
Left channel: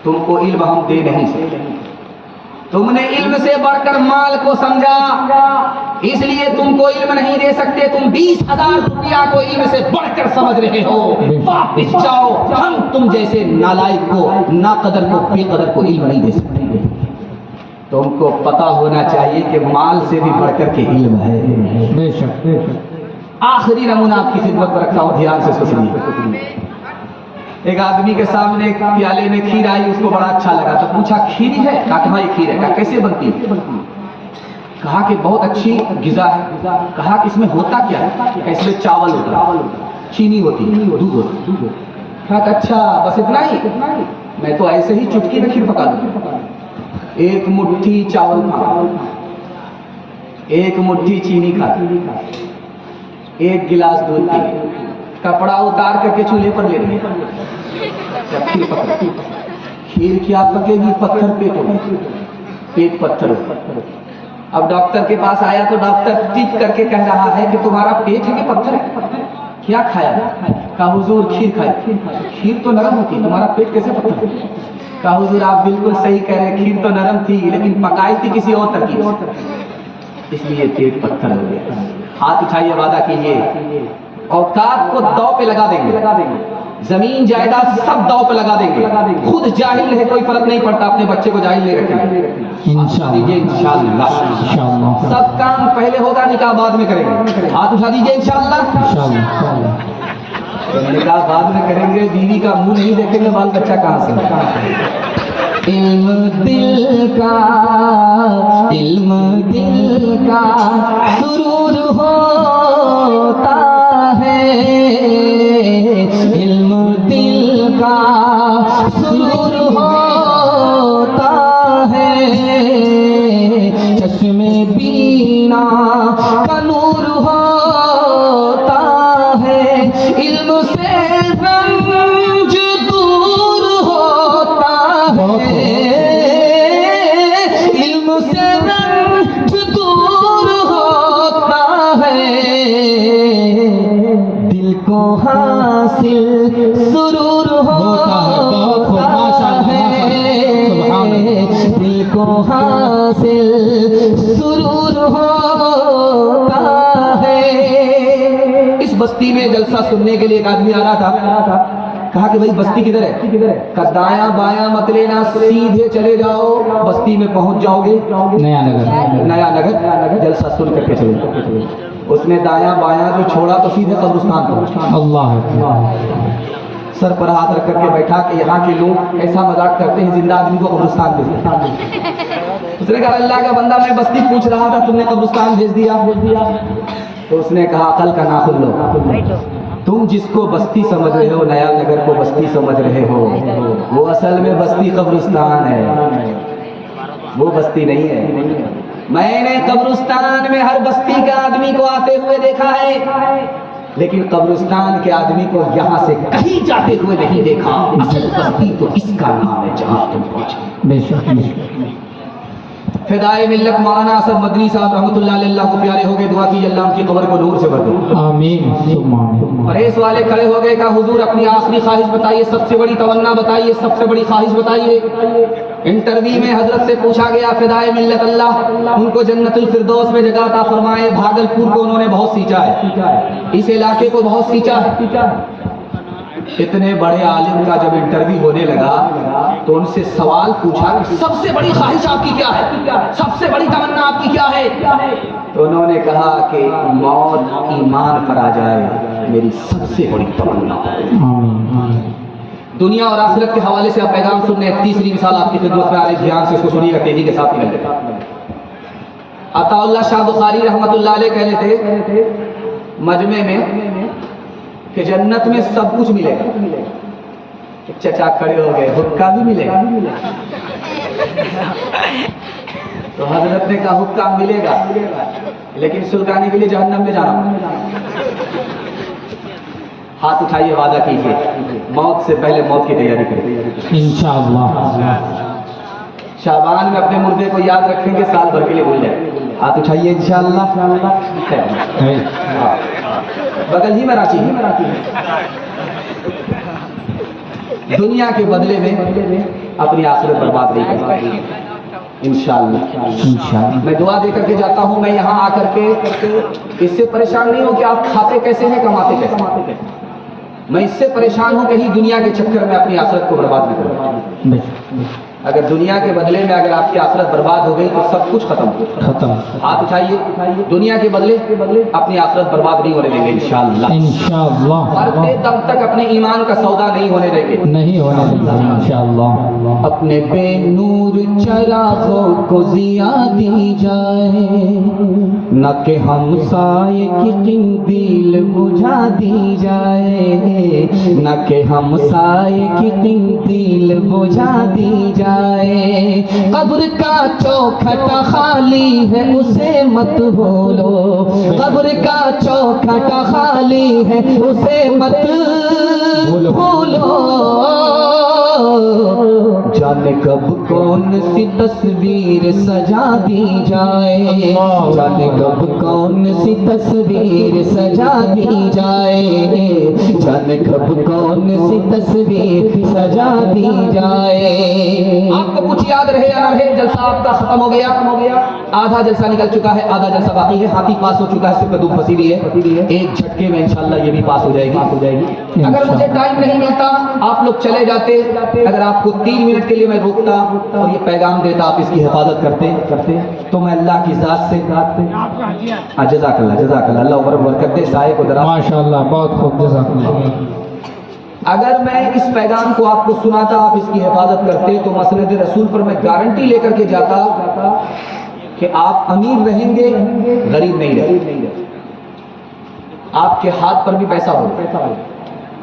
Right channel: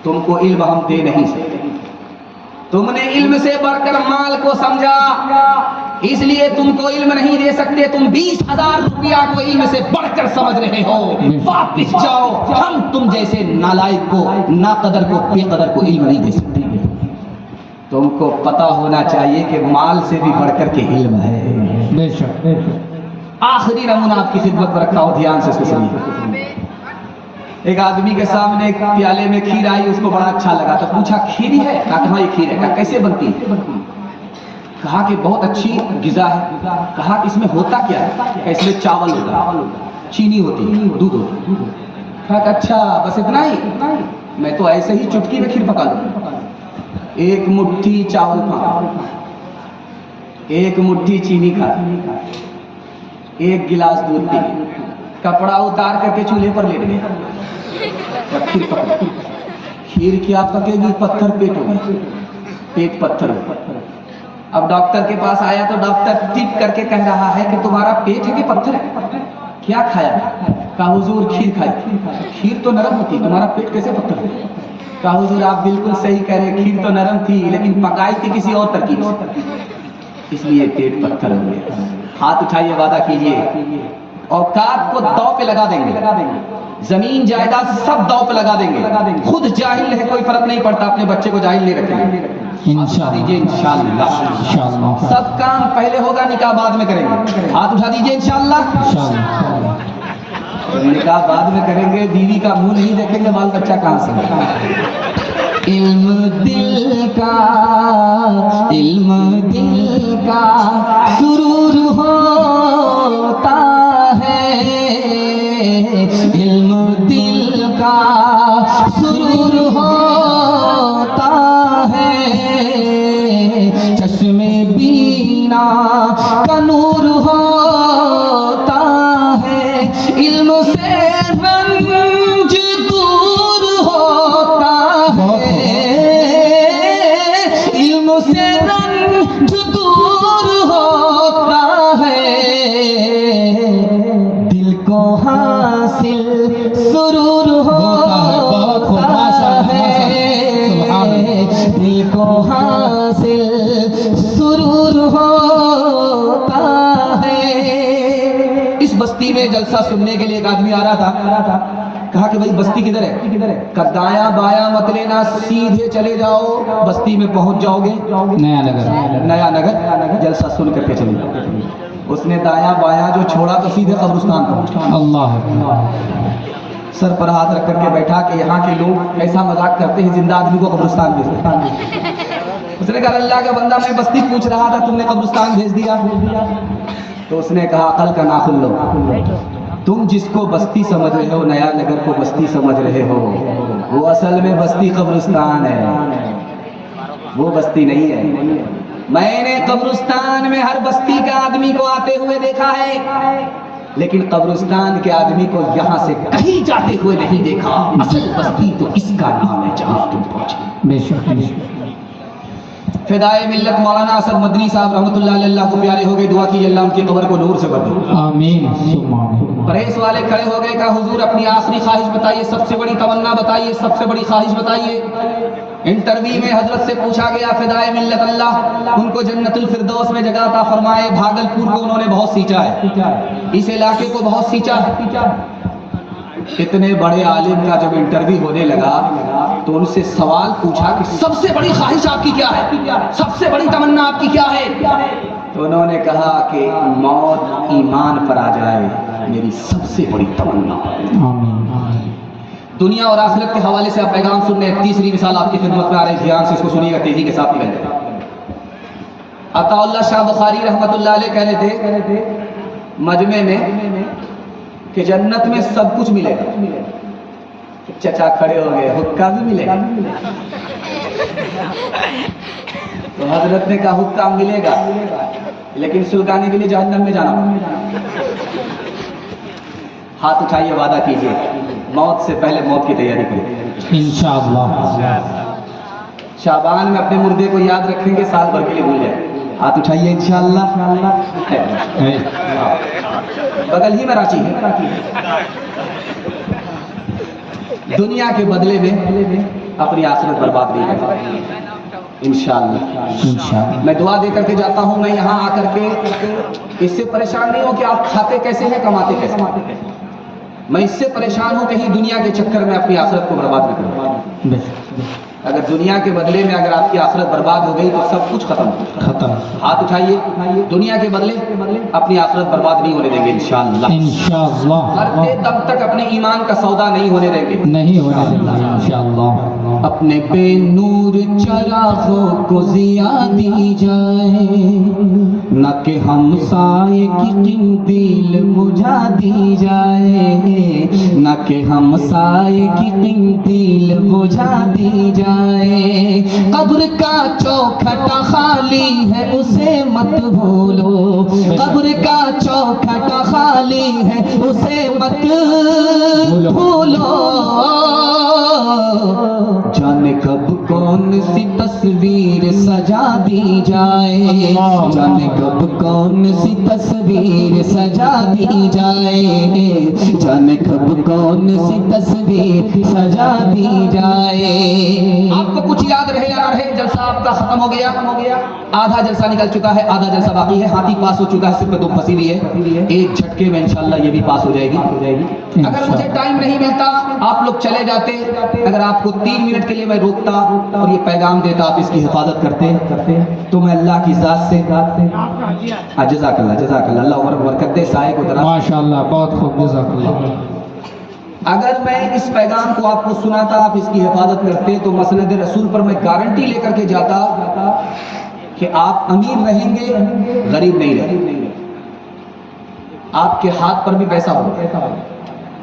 तुमको इल्म हम दे नहीं सकते, तुमने इल्म से बढ़कर माल को समझा, इसलिए तुमको इल्म नहीं दे सकते, तुम 20,000 रुपया को इल्म से बढ़कर समझ रहे हो, वापस जाओ, हम तुम जैसे नालायक को, नाकदर को, बेकदर को इल्म नहीं दे सकते। तुमको पता होना चाहिए कि माल से भी बढ़कर के इल्म है। आखिरी नमूना आपकी खिदमत पर रखता हूं, ध्यान से सुनिए। एक आदमी के सामने एक प्याले में खीर आई, उसको बड़ा अच्छा लगा तो पूछा खीर है? कहा ये खीर है। कहा कैसे बनती है? कहा कि बहुत अच्छी गिज़ा है। कहा कि इसमें होता क्या है? इसमें चावल होता है, चीनी होती है, दूध होता है। कहा अच्छा बस इतना ही? मैं तो ऐसे ही चुटकी में खीर पका दूं। एक मुट्ठी चावल एक मुट्ठी चीनी खा, एक गिलास दूध पी, कपड़ा उतार करके चूल्हे पर लेट गया। खीर पकड़ी, खीर क्या पकेगी, पत्थर पेट हो गया, पेट पत्थर हो गया। अब डॉक्टर के पास आया तो डॉक्टर टिप करके कह रहा है कि तुम्हारा पेट है कि पत्थर है, क्या खाया? कहा हुजूर खीर खाई। खीर तो नरम होती, तुम्हारा पेट कैसे पत्थर है? कहा हुजूर आप बिल्कुल सही कह रहे, खीर तो नरम थी लेकिन पकाई थी किसी और तरकीब से, इसलिए पेट पत्थर हो गया। हाथ उठाइए, वादा कीजिए औकात को दांव पे लगा देंगे, जमीन जायदाद सब दांव पे लगा देंगे, खुद जाहिल है कोई फर्क नहीं पड़ता, अपने बच्चे को जाहिल नहीं रखेंगे इंशाअल्लाह। सब काम पहले होगा, निकाह बाद में करेंगे। हाथ उठा दीजिए इंशाअल्लाह। निकाह बाद में करेंगे, बीवी का मुंह नहीं देखेंगे, बाल बच्चा कहां से? इल्म दिल का सुरूर होता है, इल्म दिल का सुरूर होता है, चश्मे बीना का नूर होता है, इल्म से रंज दूर होता है, इल्म से रंज दूर होता है, दिल को हासिल सुरूर होता है, दिल को हासिल सुरूर होता है। इस बस्ती में जलसा सुनने के लिए एक आदमी आ रहा था, कहा कि भाई बस्ती किधर है? कहा दाया बाया मत लेना, सीधे चले जाओ, बस्ती में पहुंच जाओगे नया नगर, जलसा सुन करके चले। उसने दाया बाया जो छोड़ा तो सीधे कब्रिस्तान पहुंच। अल्लाह सर पर हाथ रख करके बैठा कि यहाँ के लोग ऐसा मजाक करते हैं, जिंदा आदमी को कब्रिस्तान भेज देते। उसने कहा अल्लाह का बंदा, मैं बस्ती पूछ रहा था, तुमने कब्रिस्तान भेज दिया। तो उसने कहा अकल का नाखुन लो, तुम जिसको बस्ती समझ रहे हो, नया नगर को बस्ती समझ रहे हो, वो असल में बस्ती कब्रिस्तान है, वो बस्ती नहीं है। मैंने कब्रिस्तान में हर बस्ती के आदमी को आते हुए देखा है, लेकिन कब्रिस्तान के आदमी को यहाँ से कहीं जाते हुए नहीं देखा। असल बस्ती तो इसका नाम है जहाँ तुम पहुंचे। फिदाए मिल्लत मौलाना असद मदनी साहब रहमतुल्लाह अलैह को प्यारे हो गए, दुआ कीजिए अल्लाह उनकी कब्र को नूर से भर दे, आमीन। प्रेस वाले खड़े हो गए, कहा हुजूर अपनी आखिरी ख्वाहिश बताइए, सबसे बड़ी तमन्ना बताइए, सबसे बड़ी ख्वाहिश बताइए। इंटरव्यू में हजरत से पूछा गया, फिदाए मिल्लत अल्लाह उनको जन्नतुल फिरदौस में जगह अता फरमाए। भागलपुर को उन्होंने बहुत सींचा है, इस इलाके को बहुत सींचा है। इतने बड़े आलिम का जब इंटरव्यू होने लगा तो उनसे सवाल पूछा कि सबसे बड़ी ख्वाहिश आपकी क्या है, सबसे बड़ी तमन्ना आपकी क्या है? तो उन्होंने कहा कि मौत ईमान पर आ जाए, मेरी सबसे बड़ी तमन्ना। दुनिया और आखिरत के हवाले से आप पैगाम सुन रहे हैं, तीसरी मिसाल आपकी खिदमत में आ रही, ध्यान से इसको सुनिएगा, तेजी के साथ ही। अताउल्लाह शाह बुखारी रहमतुल्लाह अलैह कह रहे थे मजमे में कि जन्नत में सब कुछ मिलेगा। चचा खड़े हो गए, हुक्का भी मिलेगा। तो हजरत ने कहा हुक्का मिलेगा, लेकिन सुल्तानी के लिए जहन्नम में जाना। हाथ उठाइए, वादा कीजिए मौत से पहले मौत की तैयारी करें इंशाअल्लाह। शाबान में अपने मुर्दे को याद रखेंगे, साल भर के लिए भूल जाए। हाथ उठाइए इंशाअल्लाह। बगल ही में रांची है। दुनिया के बदले में अपनी आखिरत बर्बाद नहीं करनी इंशाअल्लाह। मैं दुआ दे करके जाता हूँ। मैं यहाँ आकर के इससे परेशान नहीं हो कि आप खाते कैसे हैं, कमाते कैसे। मैं इससे परेशान हूँ कहीं दुनिया के चक्कर में अपनी आखिरत को बर्बाद न करूँ। अगर दुनिया के बदले में अगर आपकी आखिरत बर्बाद हो गई तो सब कुछ खत्म। हाथ उठाइए, दुनिया के बदले अपनी आखिरत बर्बाद नहीं होने देंगे इंशाअल्लाह। मरते दम तक अपने ईमान का सौदा नहीं होने देंगे इंशाअल्लाह। अपने पे नूर चरागों को जिया दी जाए, न कि हमसाये की क़िंदील बुझा दी जाए, न कि हमसाये की क़िंदील बुझा दी जाए। कब्र का चौखटा खाली है, उसे मत जाए, जाने कब कौन सी तस्वीर सजा दी जाए, जाने कब कौन सी तस्वीर सजा दी जाए। आपको कुछ याद रहे या ना रहे, जलसा आपका खत्म हो गया, आधा जलसा निकल चुका है, आधा जलसा बाकी है। हाथी पास हो चुका है, सिर्फ दुम फंसी हुई है। एक झटके में इंशाल्लाह ये भी पास हो जाएगी। अगर मुझे टाइम नहीं मिलता, आप लोग चले जाते, अगर आपको 3 मिनट के लिए मैं रोकता और ये पैगाम देता, आप इसकी हिफाजत करते, तो मैं अल्लाह की जात से जज़ाकल्लाह जज़ाकल्लाह, अल्लाह उम्र बरकत दे, साए को दरा। माशाअल्लाह, बहुत खूब, जज़ाकल्लाह। अगर मैं इस पैगाम को आपको सुनाता, आप इसकी हिफाजत करते, तो मसनद रसूल पर मैं गारंटी लेकर के जाता कि आप अमीर रहेंगे, गरीब नहीं रहेंगे। आपके हाथ पर भी पैसा हो,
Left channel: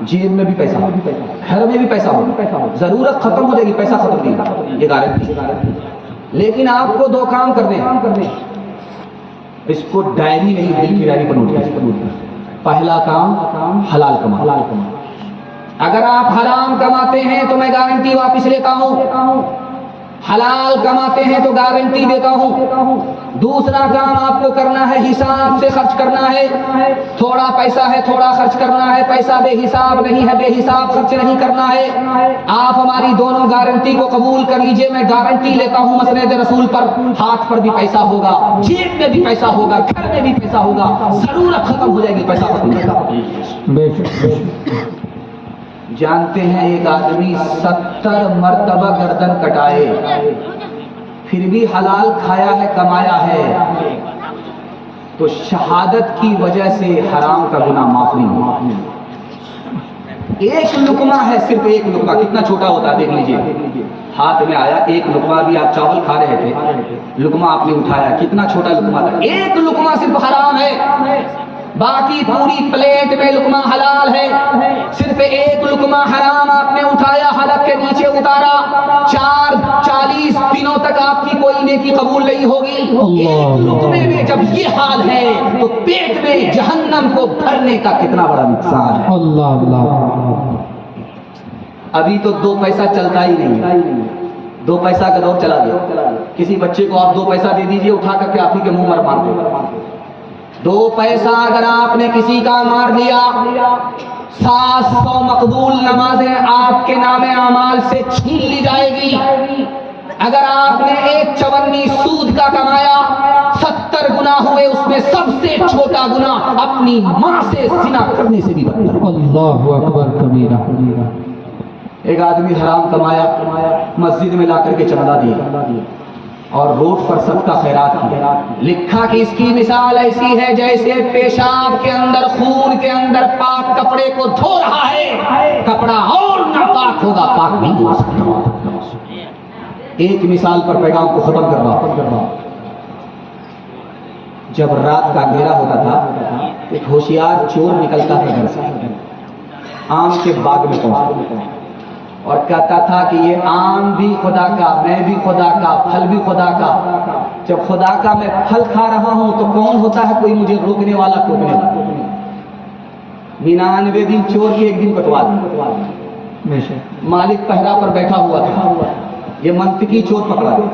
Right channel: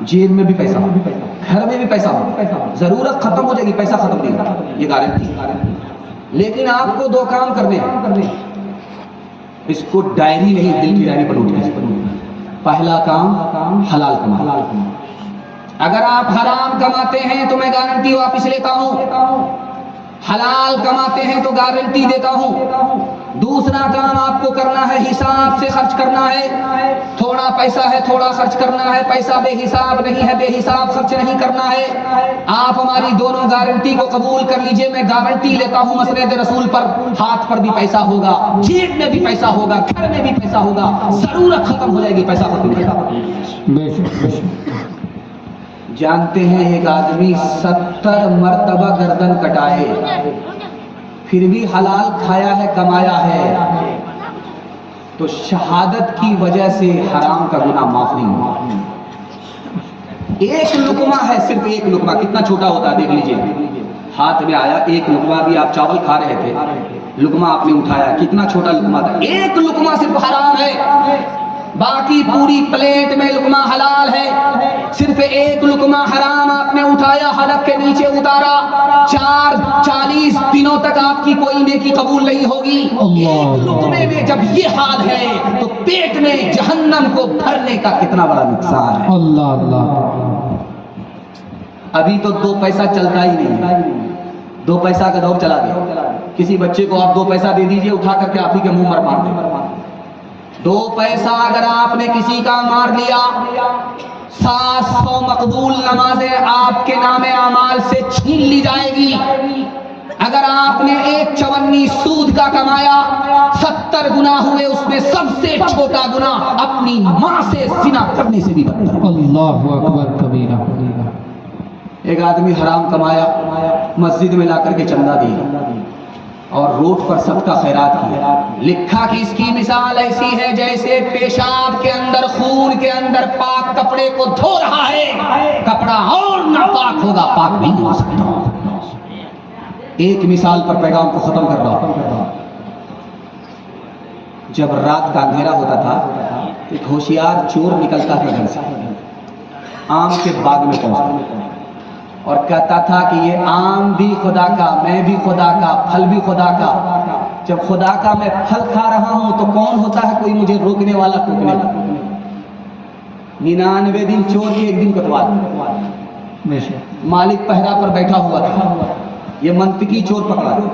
जेब में भी पैसा हो, घर में भी पैसा हो, जरूरत खत्म हो जाएगी, पैसा खत्म नहीं होगा, ये गारंटी। लेकिन आपको 2 काम करने हैं, इसको डायरी नहीं, दिल की डायरी पर नोट करें। पहला काम हलाल कमाना। अगर आप हराम कमाते हैं तो मैं गारंटी वापस लेता हूं, हलाल कमाते हैं तो गारंटी देता हूं। दूसरा काम आपको करना है, हिसाब से खर्च करना है। थोड़ा पैसा है, थोड़ा खर्च करना है, पैसा बेहिसाब नहीं है, बेहिसाब खर्च नहीं करना है। आप हमारी दोनों गारंटी को कबूल कर लीजिए, मैं गारंटी लेता हूं मसनद रसूल पर, हाथ पर भी पैसा होगा, जेब में भी पैसा होगा, घर में भी पैसा होगा, जरूरत खत्म हो जाएगी, पैसा खत्म होगा। बेशक। जानते हैं एक आदमी 70 मर्तबा गर्दन कटाए, फिर भी हलाल खाया है, कमाया है, तो शहादत की वजह से हराम का गुनाह माफ नहीं हुआ। एक लुकमा है, सिर्फ एक लुकमा, कितना छोटा होता है देख लीजिए, हाथ में आया एक लुकमा, भी आप चावल खा रहे थे, लुकमा आपने उठाया, कितना छोटा लुकमा था, एक लुकमा सिर्फ हराम है, बाकी पूरी प्लेट में लुकमा हलाल है। सिर्फ एक लुकमा हराम आपने उठाया, हलक के नीचे उतारा, 40 दिनों तक आपकी कोई नेकी कबूल नहीं होगी। एक लुकमे में जब ये हाल है, तो पेट में जहन्नम को भरने का कितना बड़ा नुकसान है। अल्लाह अल्लाह। अभी तो 2 पैसा चलता ही नहीं है, 2 पैसा का दौर चला गया। किसी बच्चे को आप 2 पैसा दे दीजिए, उठा करके आप ही के मुंह पर मार देगा। 2 पैसा अगर आपने किसी का मार लिया, 700 मकबूल नमाजें आपके नामे अमाल से छीन ली जाएगी। अगर आपने एक चवन्नी सूद का कमाया, 70 गुना हुए, उसमें सबसे छोटा गुना अपनी माँ से जिना करने से भी बनता है। अल्लाहु अकबर कबीरा। एक आदमी हराम कमाया, मस्जिद में ला करके चंदा दिया और रोड पर सबका खैरात किया। लिखा कि इसकी मिसाल ऐसी है जैसे पेशाब के अंदर, खून के अंदर पाक कपड़े को धो रहा है, कपड़ा और नापाक होगा, पाक नहीं हो सकता। एक मिसाल पर पैगाम को खत्म कर रहा हूं। जब रात का अंधेरा होता था, एक होशियार चोर निकलता था घर से, आम के बाग में पहुंचता और कहता था कि ये आम भी खुदा का, मैं भी खुदा का, फल भी खुदा का। जब खुदा का मैं फल खा रहा हूं तो कौन होता है कोई मुझे रोकने वाला, टोकने वाला? 99 दिन चोर की, एक दिन कोतवाल। मालिक पहरा पर बैठा हुआ था, ये मंतकी चोर पकड़ा गया।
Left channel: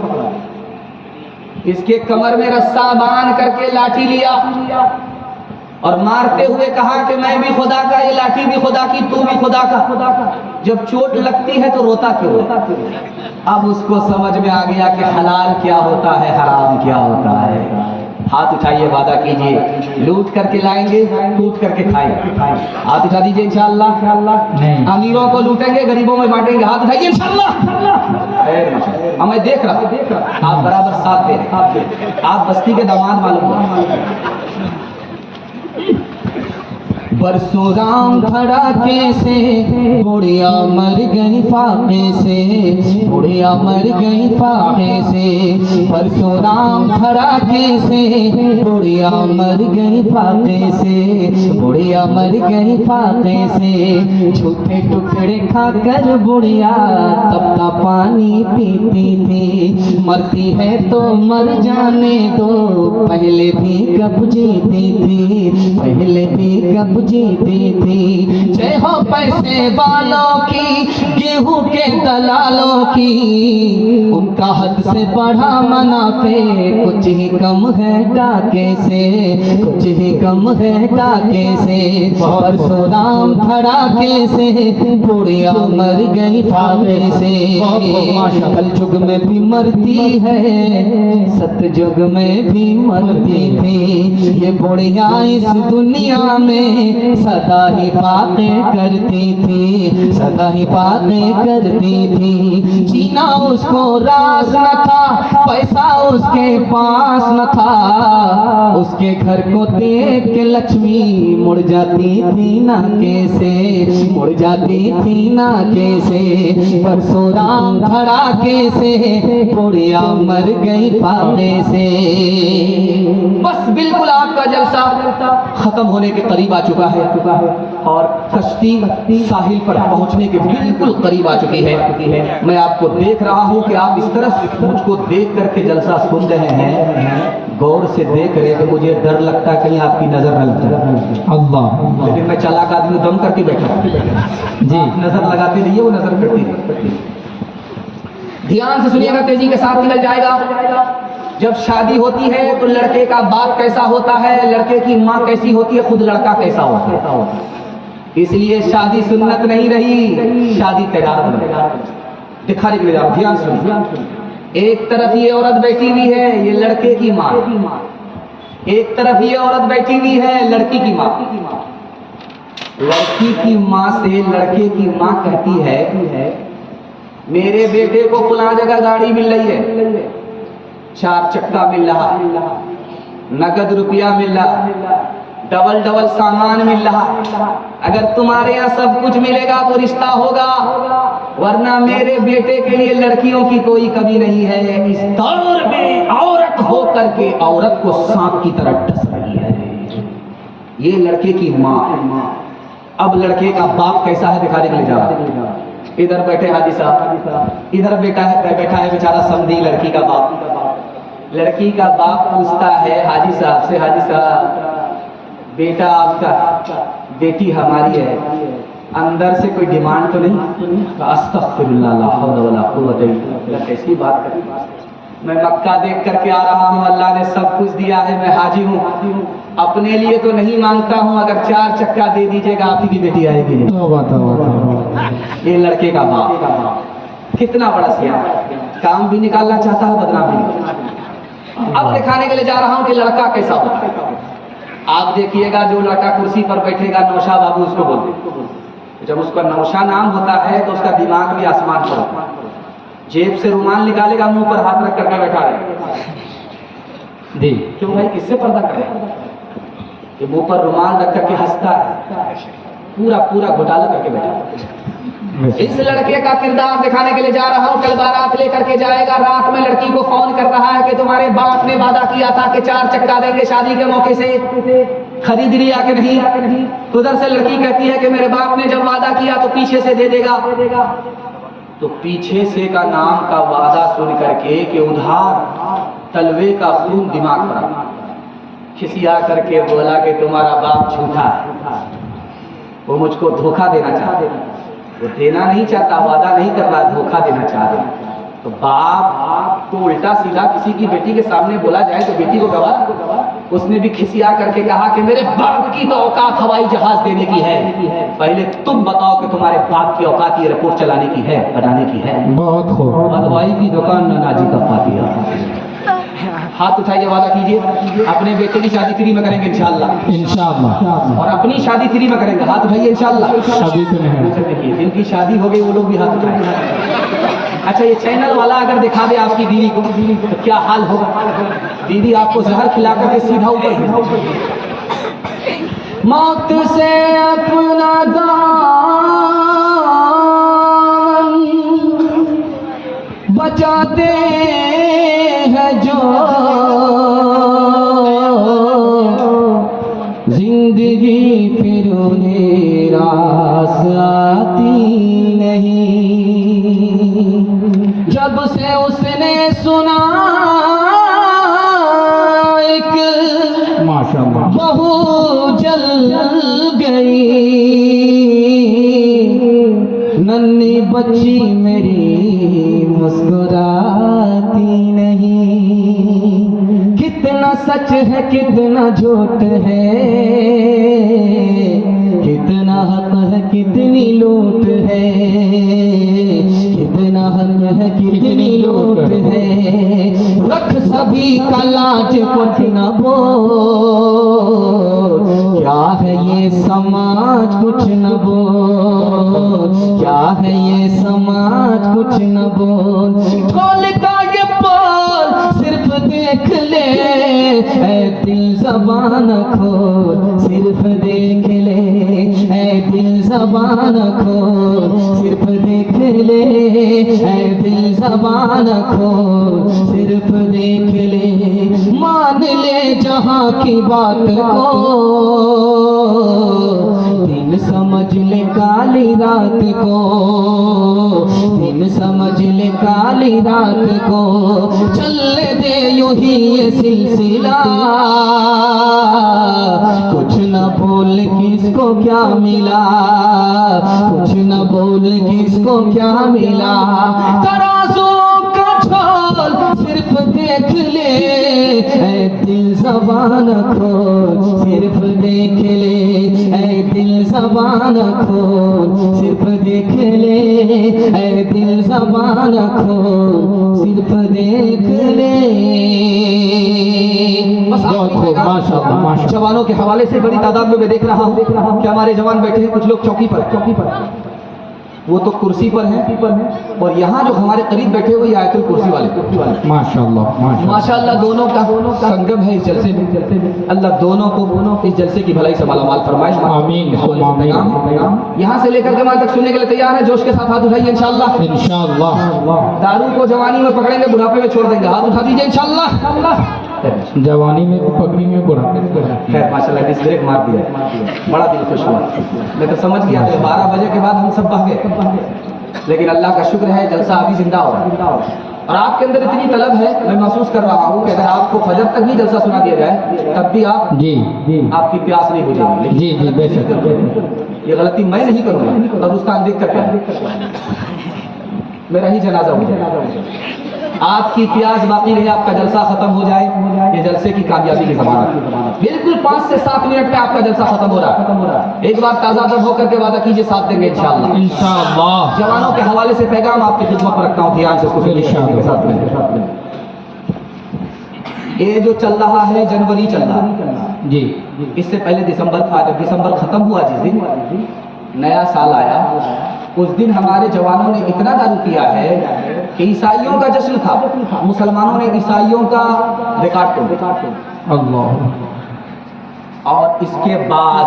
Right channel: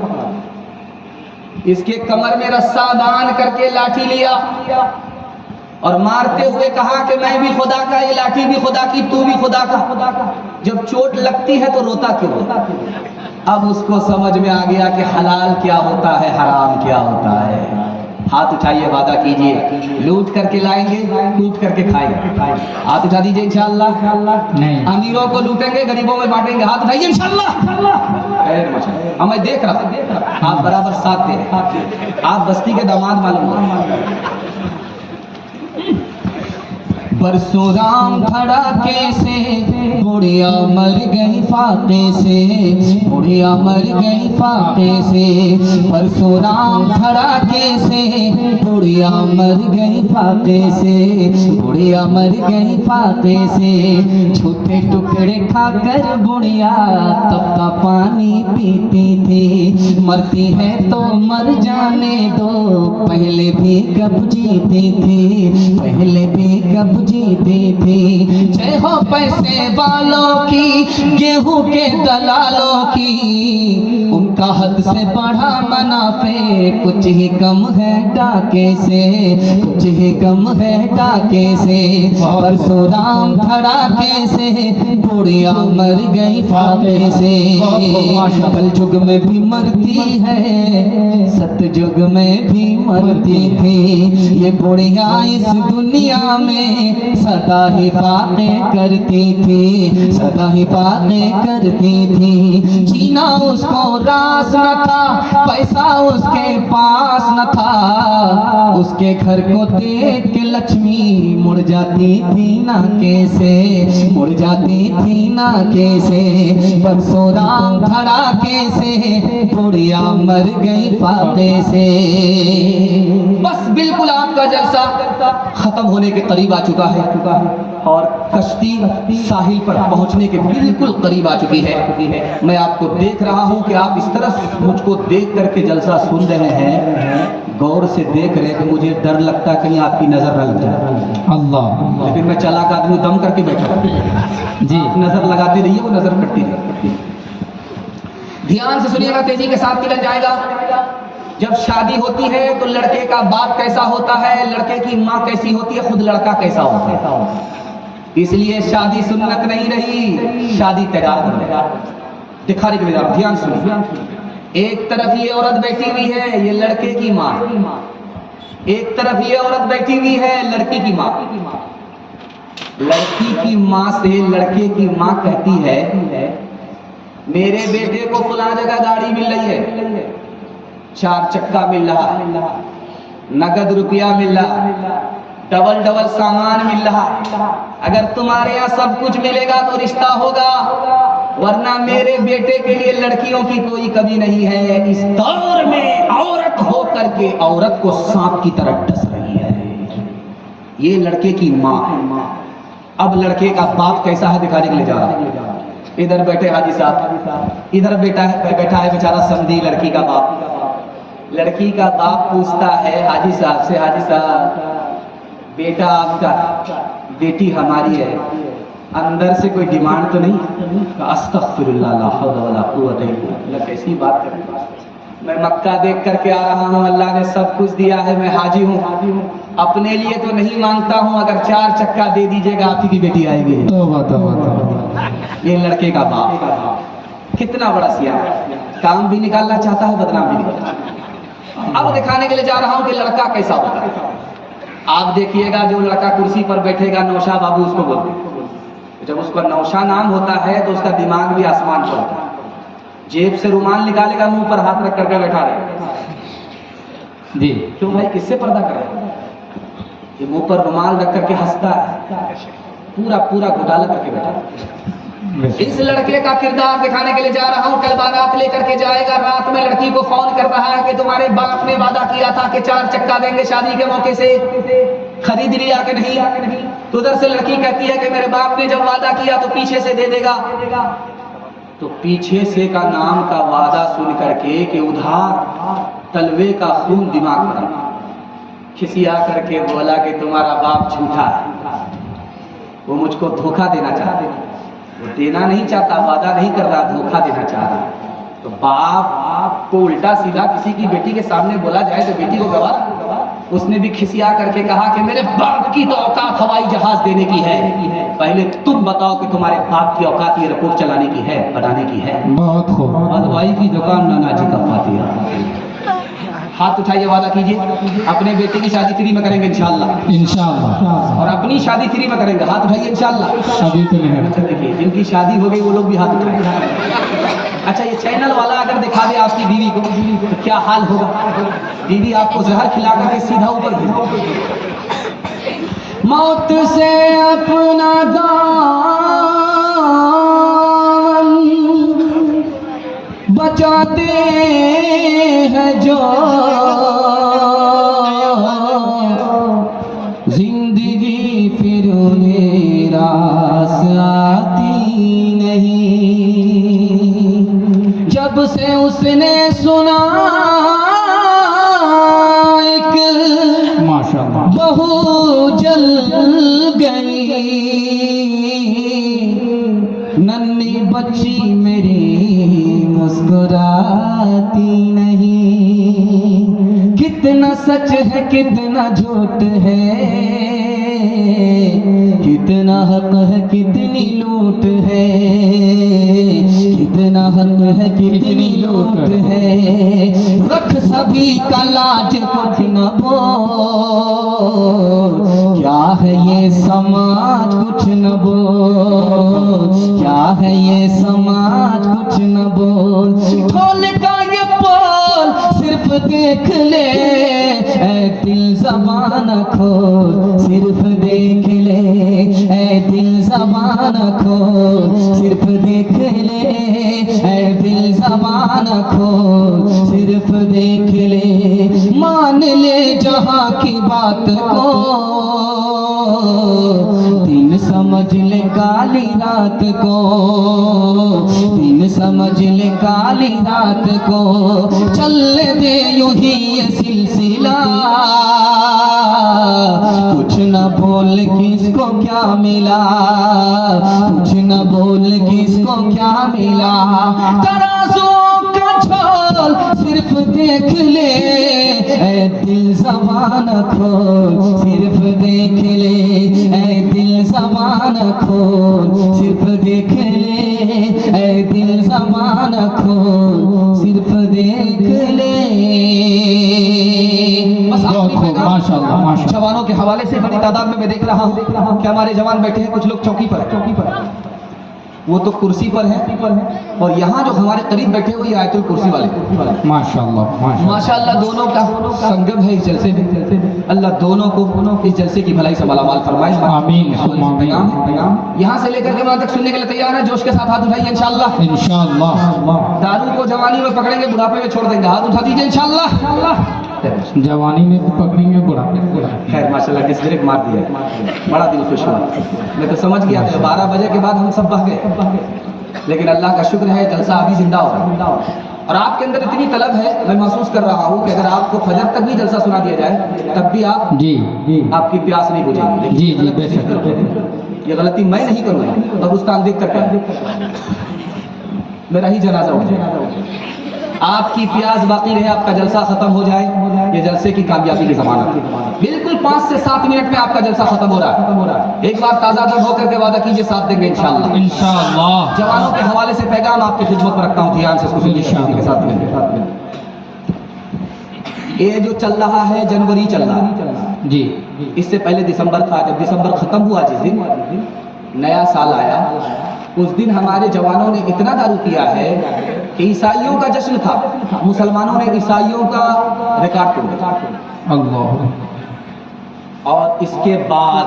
इसके कमर में रस्सा बांध करके लाठी लिया और मारते हुए कहा कि मैं भी खुदा का, ये लाठी भी खुदा की, तू भी खुदा का। जब चोट लगती है तो रोता क्यों? अब उसको समझ में आ गया कि हलाल क्या होता है, हराम क्या होता है। हाथ उठाइए, वादा कीजिए, लूट करके लाएंगे, लूट करके खाएंगे। हाथ उठा दीजिए इंशाअल्लाह। नहीं, अमीरों को लूटेंगे, गरीबों में बांटेंगे। हाथ उठाइए इंशाअल्लाह। मैं देख रहा हूं आप बराबर साथ दे रहे, आप बस्ती के दामाद मालूम हो। बरसों राम धड़ाके से, बुढ़िया मर गई फाके से, बुढ़िया मर गई फाके से। बरसों राम धड़ाके से, बुढ़िया मर गई फाके से, बुढ़िया मर गई फाके से। छोटे टुकड़े खाकर बुढ़िया तपता पानी पीती थी। मरती है तो मर जाने दो, पहले भी कब जीती थी, पहले भी कब जीती थी। जय हो पैसे वालों की, गेहूं के दलालों की, उनका हद से बढ़ा मुनाफे कुछ ही परशुराम धड़ाके से बुढ़िया मर गई फाके से। कल युग में भी मरती है, सतयुग में भी मरती थी, ये बुढ़िया इस दुनिया में सदा ही बातें करती थी, सदा ही बातें करती थी। जीना उसको रास न था, पैसा उसके पास न था, उसके घर को देख के लक्ष्मी मुड़ जाती थी ना कैसे, मुड़ जाती थी ना कैसे। परशुराम धड़ाके से बुढ़िया मर गई फाके से। बस बिल्कुल आपका जलसा खत्म होने के करीब आ चुका है और कश्ती साहिल पर पहुंचने के बिल्कुल करीब आ चुकी है। मैं आपको देख रहा हूं कि आप इस तरह मुझको देख करके जलसा सुन रहे हैं, गौर से देख रहे हैं कि मुझे डर लगता है कहीं आपकी नजर न लग जाए। अल्लाह। लेकिन मैं चालाक आदमी दम करके बैठा जी। नजर लगाते रहिए, वो नजर कटती रही। ध्यान से सुनिएगा, तेजी के साथ निकल जाएगा। जब शादी होती है तो लड़के का बाप कैसा होता है, लड़के की माँ कैसी होती है, खुद लड़का कैसा होता है। इसलिए शादी सुन्नत नहीं रही, शादी तैयार दिखाने के लिए। ध्यान सुनिए, एक तरफ ये औरत बैठी हुई है, ये लड़के की माँ, एक तरफ ये औरत बैठी हुई है, लड़की की माँ। लड़की की माँ से लड़के की माँ कहती है, मेरे बेटे को फलां जगह गाड़ी मिल रही है, 4 चक्का मिल रहा है, नगद रुपया मिल रहा है, डबल डबल सामान मिल रहा है। अगर तुम्हारे यहाँ सब कुछ मिलेगा तो रिश्ता होगा, वरना मेरे बेटे के लिए लड़कियों की कोई कमी नहीं है। इस दौर में औरत हो करके औरत को सांप की तरह डस रही है। ये लड़के की माँ। अब लड़के का बाप कैसा है दिखाने के लिए जा रहा है। इधर बैठे हाजी साहब, इधर बैठा है बेचारा समधी लड़की का बाप। लड़की का बाप पूछता है हाजी साहब से, हाजी साहब बेटा आपका, बेटी हमारी है, अंदर से कोई डिमांड तो नहीं? अस्तगफिरुल्लाह ला हौला वला कुव्वता इल्ला बिल्लाह। कैसी बात है, मैं मक्का देख करके आ रहा हूँ, अल्लाह ने सब कुछ दिया है, मैं हाजी हूँ, अपने लिए तो नहीं मांगता हूँ, अगर 4 चक्का दे दीजिएगा आप ही की बेटी आएगी। ये लड़के का बाप कितना बड़ा सियार, काम भी निकालना चाहता है, बदनाम भी निकालना। अब दिखाने के लिए जा रहा हूँ कि लड़का कैसा होता है। आप देखिएगा, जो लड़का कुर्सी पर बैठेगा नौशा बाबू उसको बोलते हैं। जब उसका नौशा नाम होता है तो उसका दिमाग भी आसमान पर होता है। जेब से रुमाल निकालेगा, मुंह पर हाथ रख करके बैठा रहेगा। जी। क्यों भाई, किससे पर्दा कर रहे हैं? ये मुंह पर रुमाल रख करके हंसता है, पूरा घोटाला करके बैठा है। इस लड़के का किरदार दिखाने के लिए जा रहा हूँ। कल बारात लेकर के जाएगा, रात में लड़की को फोन कर रहा है कि तुम्हारे बाप ने वादा किया था कि 4 चक्का देंगे शादी के मौके से, खरीद लिया कि नहीं? तो उधर से लड़की कहती है कि मेरे बाप ने जब वादा किया तो पीछे से दे देगा। तो पीछे से का नाम का वादा सुन करके कि उधार तलवे का खून दिमाग पर खिसिया करके बोला कि तुम्हारा बाप झूठा है, वो मुझको धोखा देना चाहते हैं। वो देना नहीं चाहता, वादा नहीं कर रहा, धोखा देना चाह रहा। तो बाप को उल्टा सीधा किसी की बेटी के सामने बोला जाए तो बेटी को गवा। उसने भी खिसिया करके कहा कि मेरे बाप की तो औकात हवाई जहाज देने की है, पहले तुम बताओ कि तुम्हारे बाप की औकात ये रिपोर्ट चलाने की है, बनाने की है। बहुत खूब। हलवाई की दुकान में नाजी का फातिहा। हाथ उठाइए, वादा कीजिए अपने बेटे की शादी फ्री में करेंगे इंशाअल्लाह। इंशाअल्लाह। और अपनी शादी फ्री में करेंगे, हाथ उठाइए इंशाअल्लाह। शादी तो नहीं। अच्छा देखिए, जिनकी शादी हो गई वो लोग भी हाथ उठाएंगे। अच्छा, ये चैनल वाला अगर दिखा दे आपकी बीवी को तो क्या हाल होगा? बीवी आपको जहर खिला करके सीधा ऊपर भेज देगी। मौत से अपना दामन बचाते हैं जो, जिंदगी फिर उन्हें रास आती नहीं। जब से उसने सुना एक माशाअल्लाह बहू जल गई, नन्ही बच्ची मेरी मुस्कुराती नहीं। कितना सच है कितना झूठ है, कितना झूठ है, रख सभी का लाज कुछ न बोल, क्या है ये समाज कुछ न बोल, क्या है ये समाज कुछ न बोल, खोल का ये पोल सिर्फ देख ले, ऐ दिल ज़बान खोल सिर्फ देख ले, ऐ दिल ज़बान खोल सिर्फ देख ले, ऐ दिल ज़बान खोल सिर्फ देख ले, मान ले जहां की बात को, दिन समझ ले काली रात को, दिन समझ ले काली रात को, चलने दे यूं ही ये सिलसिला, कुछ न बोल किसको क्या मिला, कुछ न बोल किसको क्या मिला, तराजों का झोल सिर्फ देख ले, ऐ दिल ज़बान खोल सिर्फ देख ले, ऐ दिल ज़बान खोल सिर्फ देख ले, ऐ दिल ज़बान खोल सिर्फ देख ले। बस माशाअल्लाह माशाअल्लाह। जवानों के हवाले से बड़ी तादाद में मैं देख रहा हूँ कि हमारे जवान बैठे हैं, कुछ लोग चौकी पर, वो तो कुर्सी पर हैं, और यहाँ जो हमारे करीब बैठे हुए आयतुल कुर्सी वाले, माशाअल्लाह माशाअल्लाह। माशाअल्लाह दोनों का संगम है इस जलसे में। अल्लाह दोनों को इस जलसे की भलाई से मालामाल फरमाए। आमीन आमीन। यहाँ से लेकर के वहाँ तक सुनने के लिए तैयार है? जोश के साथ हाथ उठाइए इंशाअल्लाह। इंशाअल्लाह। दारू को जवानी में पकड़ेंगे, बुढ़ापे में छोड़ देंगे, हाथ उठा दीजिए इंशाअल्लाह। जवानी में भी पकड़ेंगे, बुढ़ापे में खैर माशाल्लाह डिस्क ब्रेक मार दिया, बड़ा दिल खुश हुआ। मैं तो समझ गया था 12 बजे के बाद हम सब भाग गए, लेकिन अल्लाह का शुक्र है जलसा अभी जिंदा हो रहा है। और आपके अंदर इतनी तलब है, मैं महसूस कर रहा हूँ कि अगर आपको फजर तक भी जलसा सुना दिया जाए तब भी आप जी जी आपकी प्यास नहीं बुझेगी। लेकिन जी जी बेशक। ये गलती मैं नहीं करूँगा, कब्रिस्तान देख कर क्या मेरा ही जनाजा हो जाएगा। आपकी प्यास बाकी रहे, आपका जलसा खत्म हो जाए, ये जलसे की कामयाबी की ज़मानत है। बिल्कुल 5 से 7 मिनट में आपका जलसा खत्म हो रहा है। एक बार ताज़ा दम होकर के वादा कीजिए, साथ देंगे इंशाअल्लाह। इंशाअल्लाह। जवानों के हवाले से पैगाम आपकी खिदमत में रखता हूँ, ध्यान से इसको सुनिए के साथ में। ये जो चल रहा है जनवरी चल रहा है जी, इससे पहले दिसंबर था। जब दिसंबर खत्म हुआ, जिस दिन नया साल आया, उस दिन हमारे जवानों ने इतना दारू पिया है कि ईसाइयों का जश्न था, मुसलमानों ने ईसाइयों का रिकॉर्ड तोड़ दिया। अल्लाह। और इसके बाद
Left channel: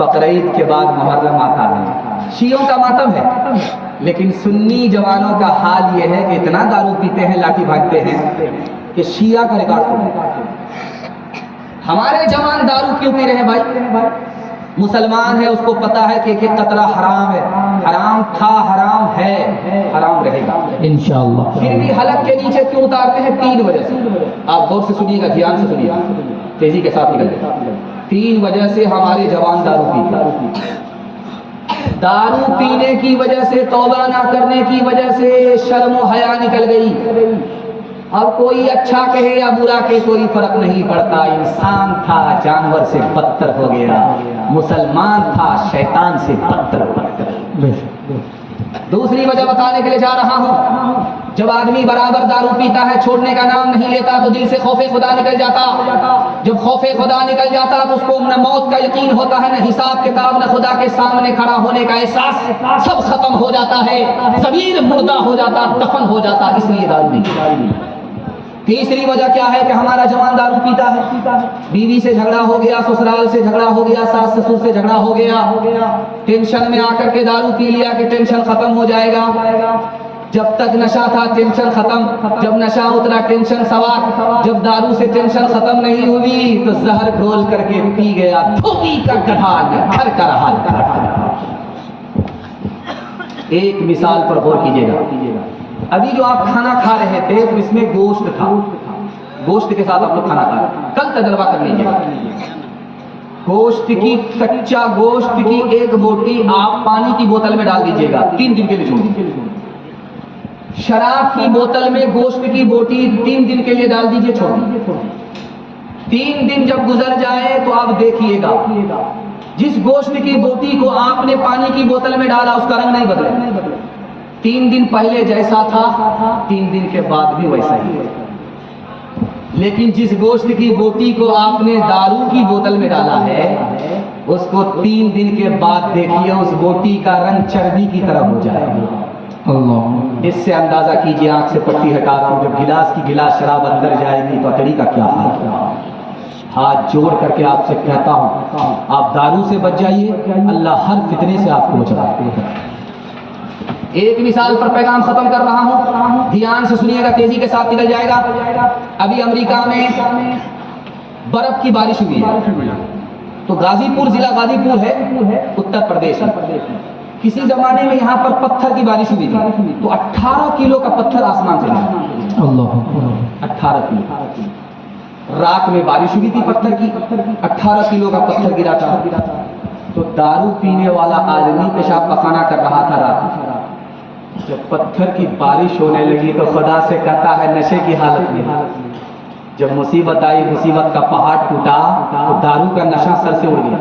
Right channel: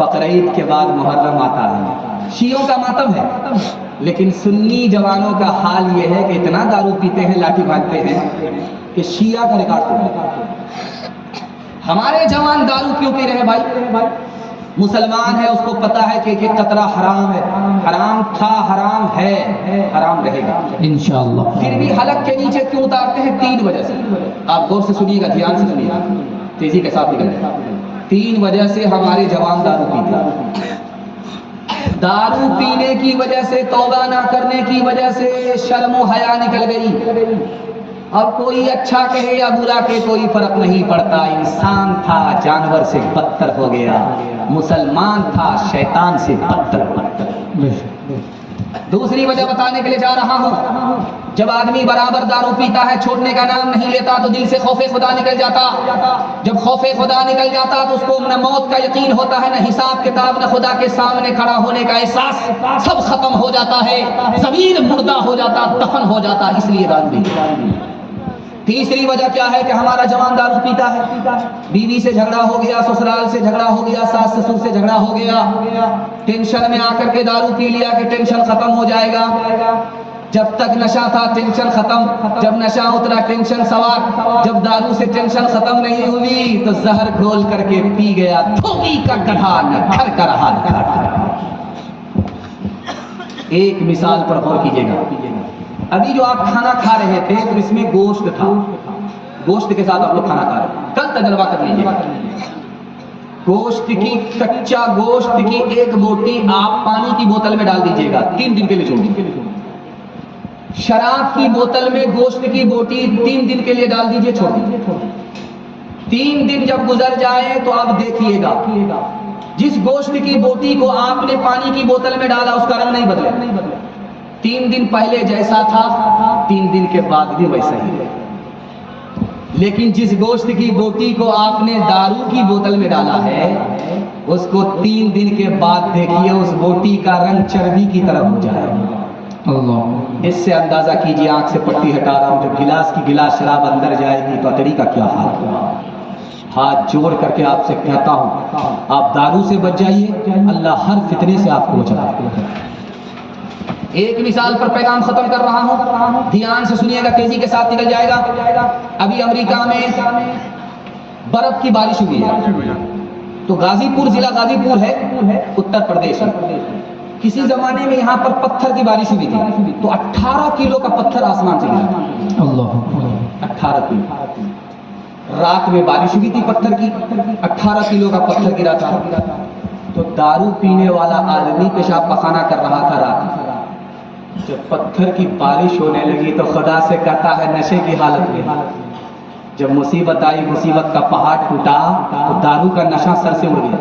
बकरीद के बाद मुहर्रम आता है, शियों का मातम है। लेकिन सुन्नी जवानों का हाल ये है कि इतना दारू पीते हैं, लाठी भागते हैं कि शिया का रिकॉर्ड तोड़ दिया। हमारे जवान दारू क्यों पी रहे हैं भाई? मुसलमान है, उसको पता है कि एक कतरा हराम है, हराम था, हराम है, हराम रहेगा इंशाअल्लाह। फिर भी हलक के नीचे क्यों उतारते हैं? 3 वजह से। आप गौर से सुनिएगा, ध्यान से सुनिएगा, तेजी के साथ निकल जाए। 3 वजह से हमारे जवान दारू पीते हैं। दारू पीने की वजह से, तौबा ना करने की वजह से शर्म और हया निकल गई। अब कोई अच्छा कहे या बुरा कहे कोई फर्क नहीं पड़ता। इंसान था जानवर से बदतर हो गया, मुसलमान था शैतान से बदतर हो गया। दूसरी वजह बताने के लिए जा रहा हूं, जब आदमी बराबर दारू पीता है, छोड़ने का नाम नहीं लेता, तो दिल से खौफे खुदा निकल जाता। जब खौफे खुदा निकल जाता तो उसको न मौत का यकीन होता है, न हिसाब किताब, न खुदा के सामने खड़ा होने का एहसास, सब खत्म हो जाता है, ज़मीर मुर्दा हो जाता, दफन हो जाता, इसलिए दारू पीता। तीसरी वजह क्या है कि हमारा जवान दारू पीता है, बीवी से झगड़ा हो गया, ससुराल से झगड़ा हो गया, सास ससुर से झगड़ा हो गया, टेंशन में आकर के दारू पी लिया कि टेंशन खत्म हो जाएगा। जब तक नशा था टेंशन खत्म, जब नशा उतरा टेंशन सवार। जब दारू से टेंशन खत्म नहीं हुई तो जहर घोल करके पी गया, धोबी का गधा न घर का रहा। एक मिसाल पर गौर कीजिएगा, अभी जो आप खाना खा रहे थे तो इसमें गोश्त था, गोश्त के साथ आप लोग खाना खा रहे थे। कल तजर्बा कर लीजिएगा, गोश्त की, कच्चा गोश्त की एक बोटी आप पानी की बोतल में डाल दीजिएगा, 3 दिन के लिए छोड़ दीजिए। शराब की बोतल में गोश्त की बोटी 3 दिन के लिए डाल दीजिए, छोड़ दीजिए। 3 दिन जब गुजर जाए तो आप देखिएगा, जिस गोश्त की बोटी को आपने पानी की बोतल में डाला उसका रंग नहीं बदले, 3 दिन पहले जैसा था 3 दिन के बाद भी वैसा ही है। लेकिन जिस गोश्त की बोटी को आपने दारू की बोतल में डाला है, उसको 3 दिन के बाद देखिए उस बोटी का रंग चर्बी की तरफ हो जाएगा। अल्लाह। इससे अंदाजा कीजिए, आंख से पट्टी हटा रहा हूं, जब गिलास की गिलास शराब अंदर जाएगी तो अतड़ी का क्या हाल होगा। हाथ जोड़ करके आपसे कहता हूं, आप दारू से बच जाइए, अल्लाह हर फितने से आपको बचाएगा। एक मिसाल पर पैगाम खत्म कर रहा हूं, ध्यान से सुनिएगा, तेजी के साथ निकल जाएगा। अभी अमेरिका में बर्फ की बारिश हुई है, तो गाजीपुर, जिला गाजीपुर है, उत्तर प्रदेश में। किसी जमाने में यहाँ पर पत्थर की बारिश हुई थी, तो 18 किलो का पत्थर आसमान से गिरा। अल्लाह। 18 किलो रात में बारिश हुई थी, पत्थर की 18 किलो का पत्थर गिरा था। तो दारू पीने वाला आदमी पेशाब पखाना कर रहा था रात। जब पत्थर की बारिश होने लगी तो खुदा से कहता है नशे की हालत में, जब मुसीबत आई, मुसीबत का पहाड़ टूटा, तो दारू का नशा सर से उड़ गया।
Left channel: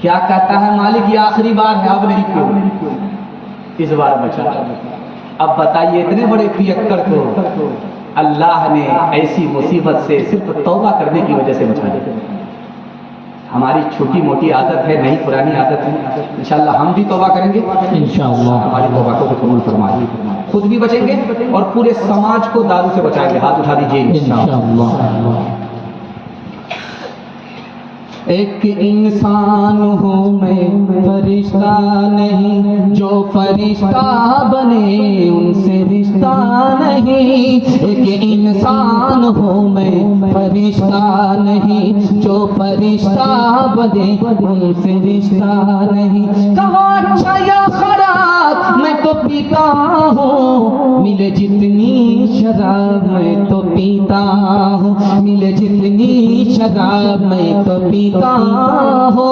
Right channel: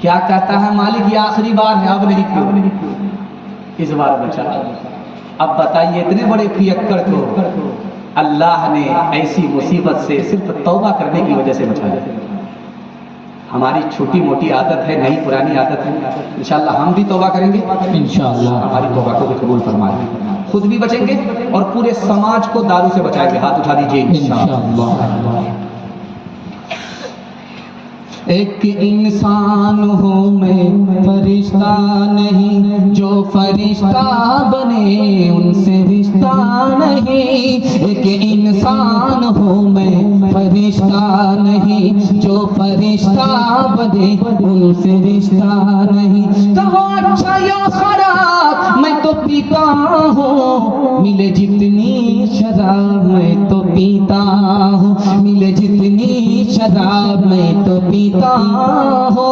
क्या कहता है, मालिक ये आखिरी बार है, अब नहीं पियो, इस बार बचा। अब बताइए, इतने बड़े पियक्कड़ को अल्लाह ने ऐसी मुसीबत से सिर्फ तौबा करने की वजह से बचाया। हमारी छोटी मोटी आदत है, नहीं पुरानी आदत है, इंशाअल्लाह हम भी तौबा करेंगे, इंशाअल्लाह हमारी तौबा को कबूल फरमाए, खुद भी बचेंगे और पूरे समाज को दारू से बचाएंगे। हाथ उठा दीजिए इंशाअल्लाह। एक इंसान हूँ मैं, फरिश्ता नहीं, जो फरिश्ता बने उनसे रिश्ता नहीं। एक इंसान हूँ मैं, फरिश्ता नहीं, जो फरिश्ता बने उनसे रिश्ता नहीं। कहो अच्छा या खराब मैं तो पीता हूँ, मिले जितनी शराब मैं तो पीता हूँ, मिले जितनी शराब मैं तो पीता हूँ।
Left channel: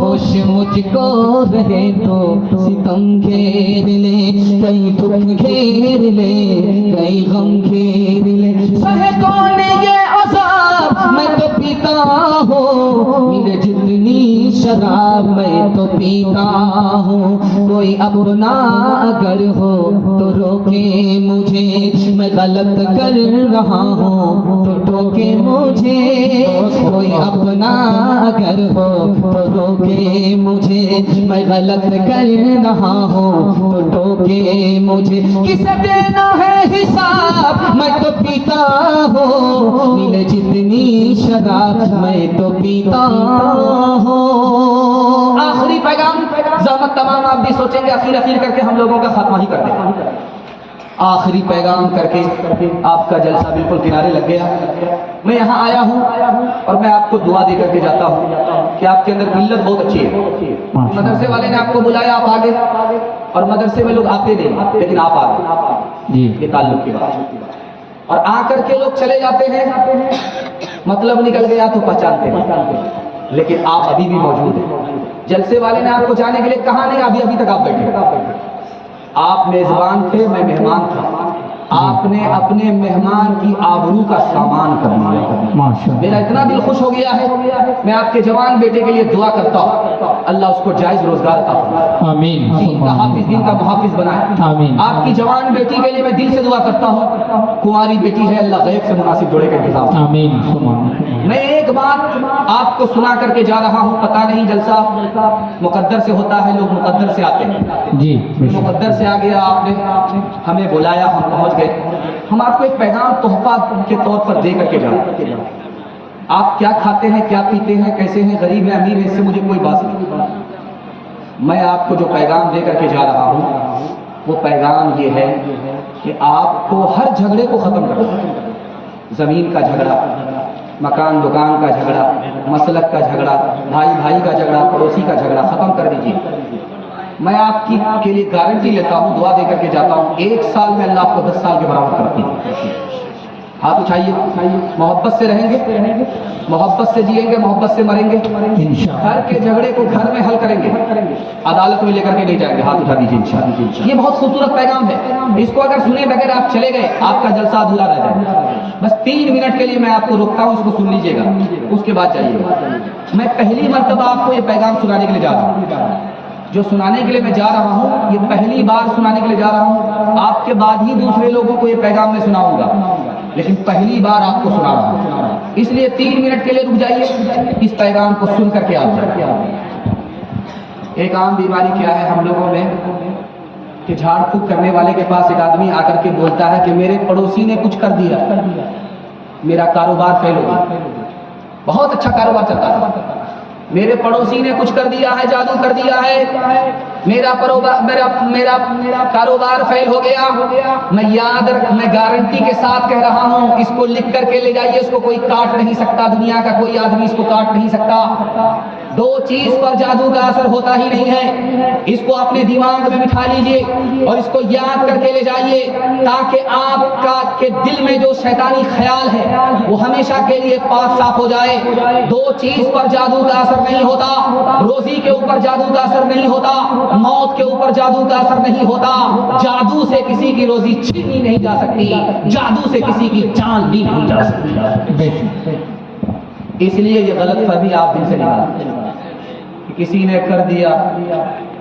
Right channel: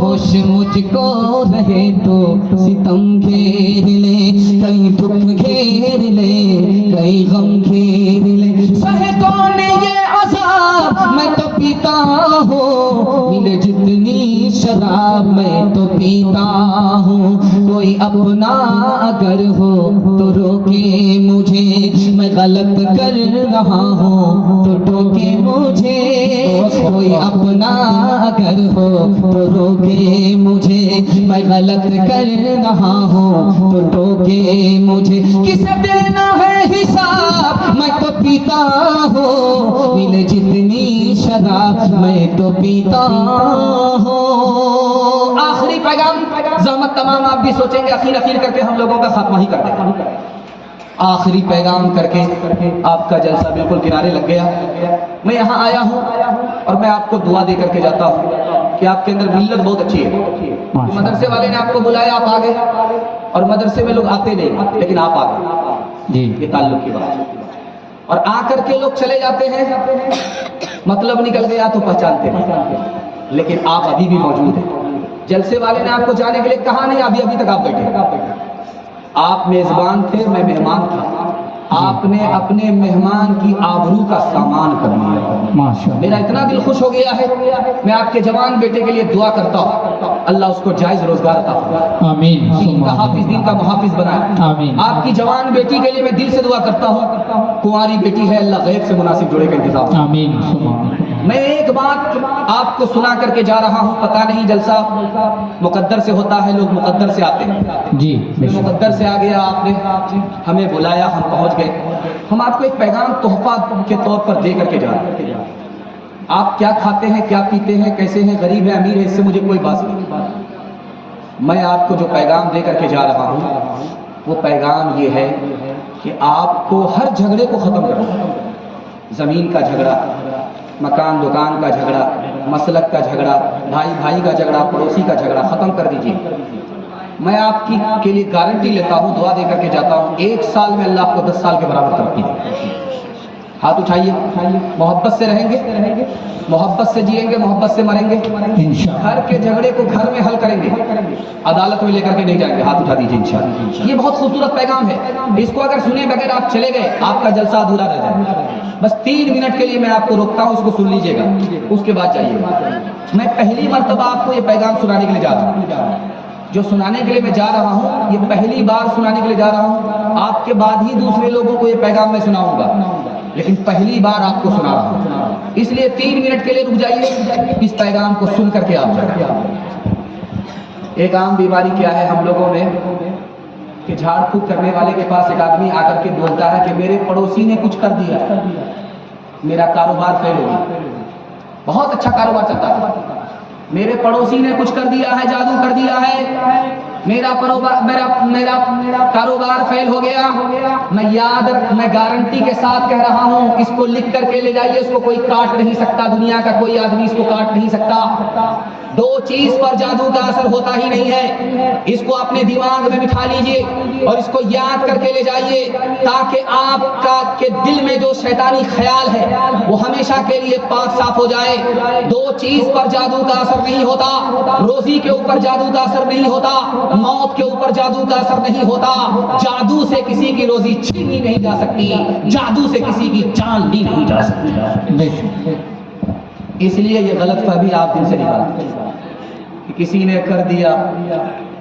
होश मुझको रहे तो सितम घेर ले, कई दुख घेर ले, कई गम घेर ले, सहे कौन ये अज़ाब मैं तो पीता हूँ, मिले जितनी शराब मैं तो पीता हूँ। कोई अपना अगर हो तो रोके मुझे, मैं गलत कर रहा हूँ तो टोके मुझे। कोई अपना अगर हो तो रोके मुझे, मैं गलत कर रहा हूँ तो टोके मुझे। किसे देना है हिसाब मैं तो पीता हूँ, मिले जितनी शराब मैं तो पीता हूँ। आखिरी पैगाम, ज़हमत तमाम आप भी सोचेंगे अखीर अखीर करके हम लोगों का खात्मा ही कर देंगे। आखिरी पैगाम करके आपका जलसा बिल्कुल किनारे लग गया। मैं यहाँ आया हूँ और मैं आपको दुआ दे करके जाता हूँ कि आपके अंदर मिल्लत बहुत अच्छी है। मदरसे वाले ने आपको बुलाया, आप आ गए, और मदरसे में लोग आते नहीं लेकिन आप आ गए जी, ये ताल्लुक की बात है। और आकर के लोग चले जाते हैं, मतलब निकल गया तो पहचानते नहीं, लेकिन आप अभी भी मौजूद हैं। जलसे वाले ने आपको जाने के लिए कहा नहीं, अभी तक आप बैठे। आप मेजबान थे, मैं मेहमान था। आपने अपने मेहमान की आबरू का सामान कर लिया। माशाअल्लाह। मेरा इतना दिल खुश हो गया है, मैं आपके जवान बेटे के लिए दुआ करता हूँ, अल्लाह उसको जायज रोजगार अता फरमाए, आमीन। दीन का हाफिज, दीन का मुहाफिज बनाए। आमीन। आपकी जवान बेटी के लिए मैं दिल से दुआ करता हूँ, कुंवारी बेटी है, अल्लाह गैब से मुनासिब जोड़े का इंतजाम। आमीन। मैं एक बात आपको सुना करके जा रहा हूँ, पता नहीं जलसा मुकद्दर से होता है, लोग मुकद्दर से आते हैं जी, मुकद्दर से आ गया, आपने हमें बुलाया, हम पहुंच गए। हम आपको एक पैगाम तोहफा के तौर पर दे करके जा रहे हैं। आप क्या खाते हैं, क्या पीते हैं, कैसे हैं, गरीब है अमीर है, इससे मुझे कोई बात नहीं। मैं आपको जो पैगाम दे करके जा रहा हूँ वो पैगाम ये है कि आपको हर झगड़े को खत्म करना है। जमीन का झगड़ा, मकान दुकान का झगड़ा, मसलक का झगड़ा, भाई भाई का झगड़ा, पड़ोसी का झगड़ा खत्म कर दीजिए। मैं आपकी के लिए गारंटी लेता हूँ, दुआ दे करके जाता हूँ, 1 साल में अल्लाह आपको 10 साल के बराबर तरक्की देगा। हाथ उठाइए, मोहब्बत से रहेंगे, मोहब्बत से जिएंगे, मोहब्बत से मरेंगे, घर के झगड़े को घर में हल करेंगे, अदालत में लेकर के नहीं जाएंगे। हाथ उठा दीजिए इंशाअल्लाह। ये बहुत खूबसूरत पैगाम है, इसको अगर सुने बगैर आप चले गए आपका जलसा अधूरा रह जाएगा। बस 3 मिनट के लिए मैं आपको रोकता हूँ, इसको सुन लीजिएगा, उसके बाद जाइएगा। मैं पहली मर्तबा आपको ये पैगाम सुनाने के लिए जा रहा हूँ। जो सुनाने के लिए मैं जा रहा हूँ, ये पहली बार सुनाने के लिए जा रहा हूँ। आपके बाद ही दूसरे लोगों को ये पैगाम मैं सुनाऊंगा, लेकिन पहली बार आपको सुना रहा हूँ। इसलिए 3 मिनट के लिए रुक जाइए, इस पैगाम को सुन करके आप जाइए। एक आम बीमारी क्या है हम लोगों में कि झाड़ फूक करने वाले के पास एक आदमी आकर के बोलता है कि मेरे पड़ोसी ने कुछ कर दिया, मेरा कारोबार फेल हो गया। बहुत अच्छा कारोबार चलता था, मेरे पड़ोसी ने कुछ कर दिया है, जादू कर दिया है, मेरा कारोबार फेल हो गया। मैं गारंटी के साथ कह रहा हूं, इसको लिख करके ले जाइए, इसको कोई काट नहीं सकता, दुनिया का कोई आदमी इसको काट नहीं सकता। 2 चीज पर जादू का असर होता ही नहीं है। इसको अपने दिमाग में बिठा लीजिए और इसको याद करके ले जाइए, ताकि आपका के दिल में जो शैतानी ख्याल है वो हमेशा के लिए पाक साफ हो जाए। 2 चीज पर जादू का असर नहीं होता, रोजी के ऊपर जादू का असर नहीं होता, मौत के ऊपर जादू का असर नहीं होता। जादू से किसी की रोजी छीनी नहीं जा सकती, जादू से किसी की जान ली नहीं जा सकती। इसलिए ये गलत फहमी आप दिल से निकाल कि किसी ने कर दिया,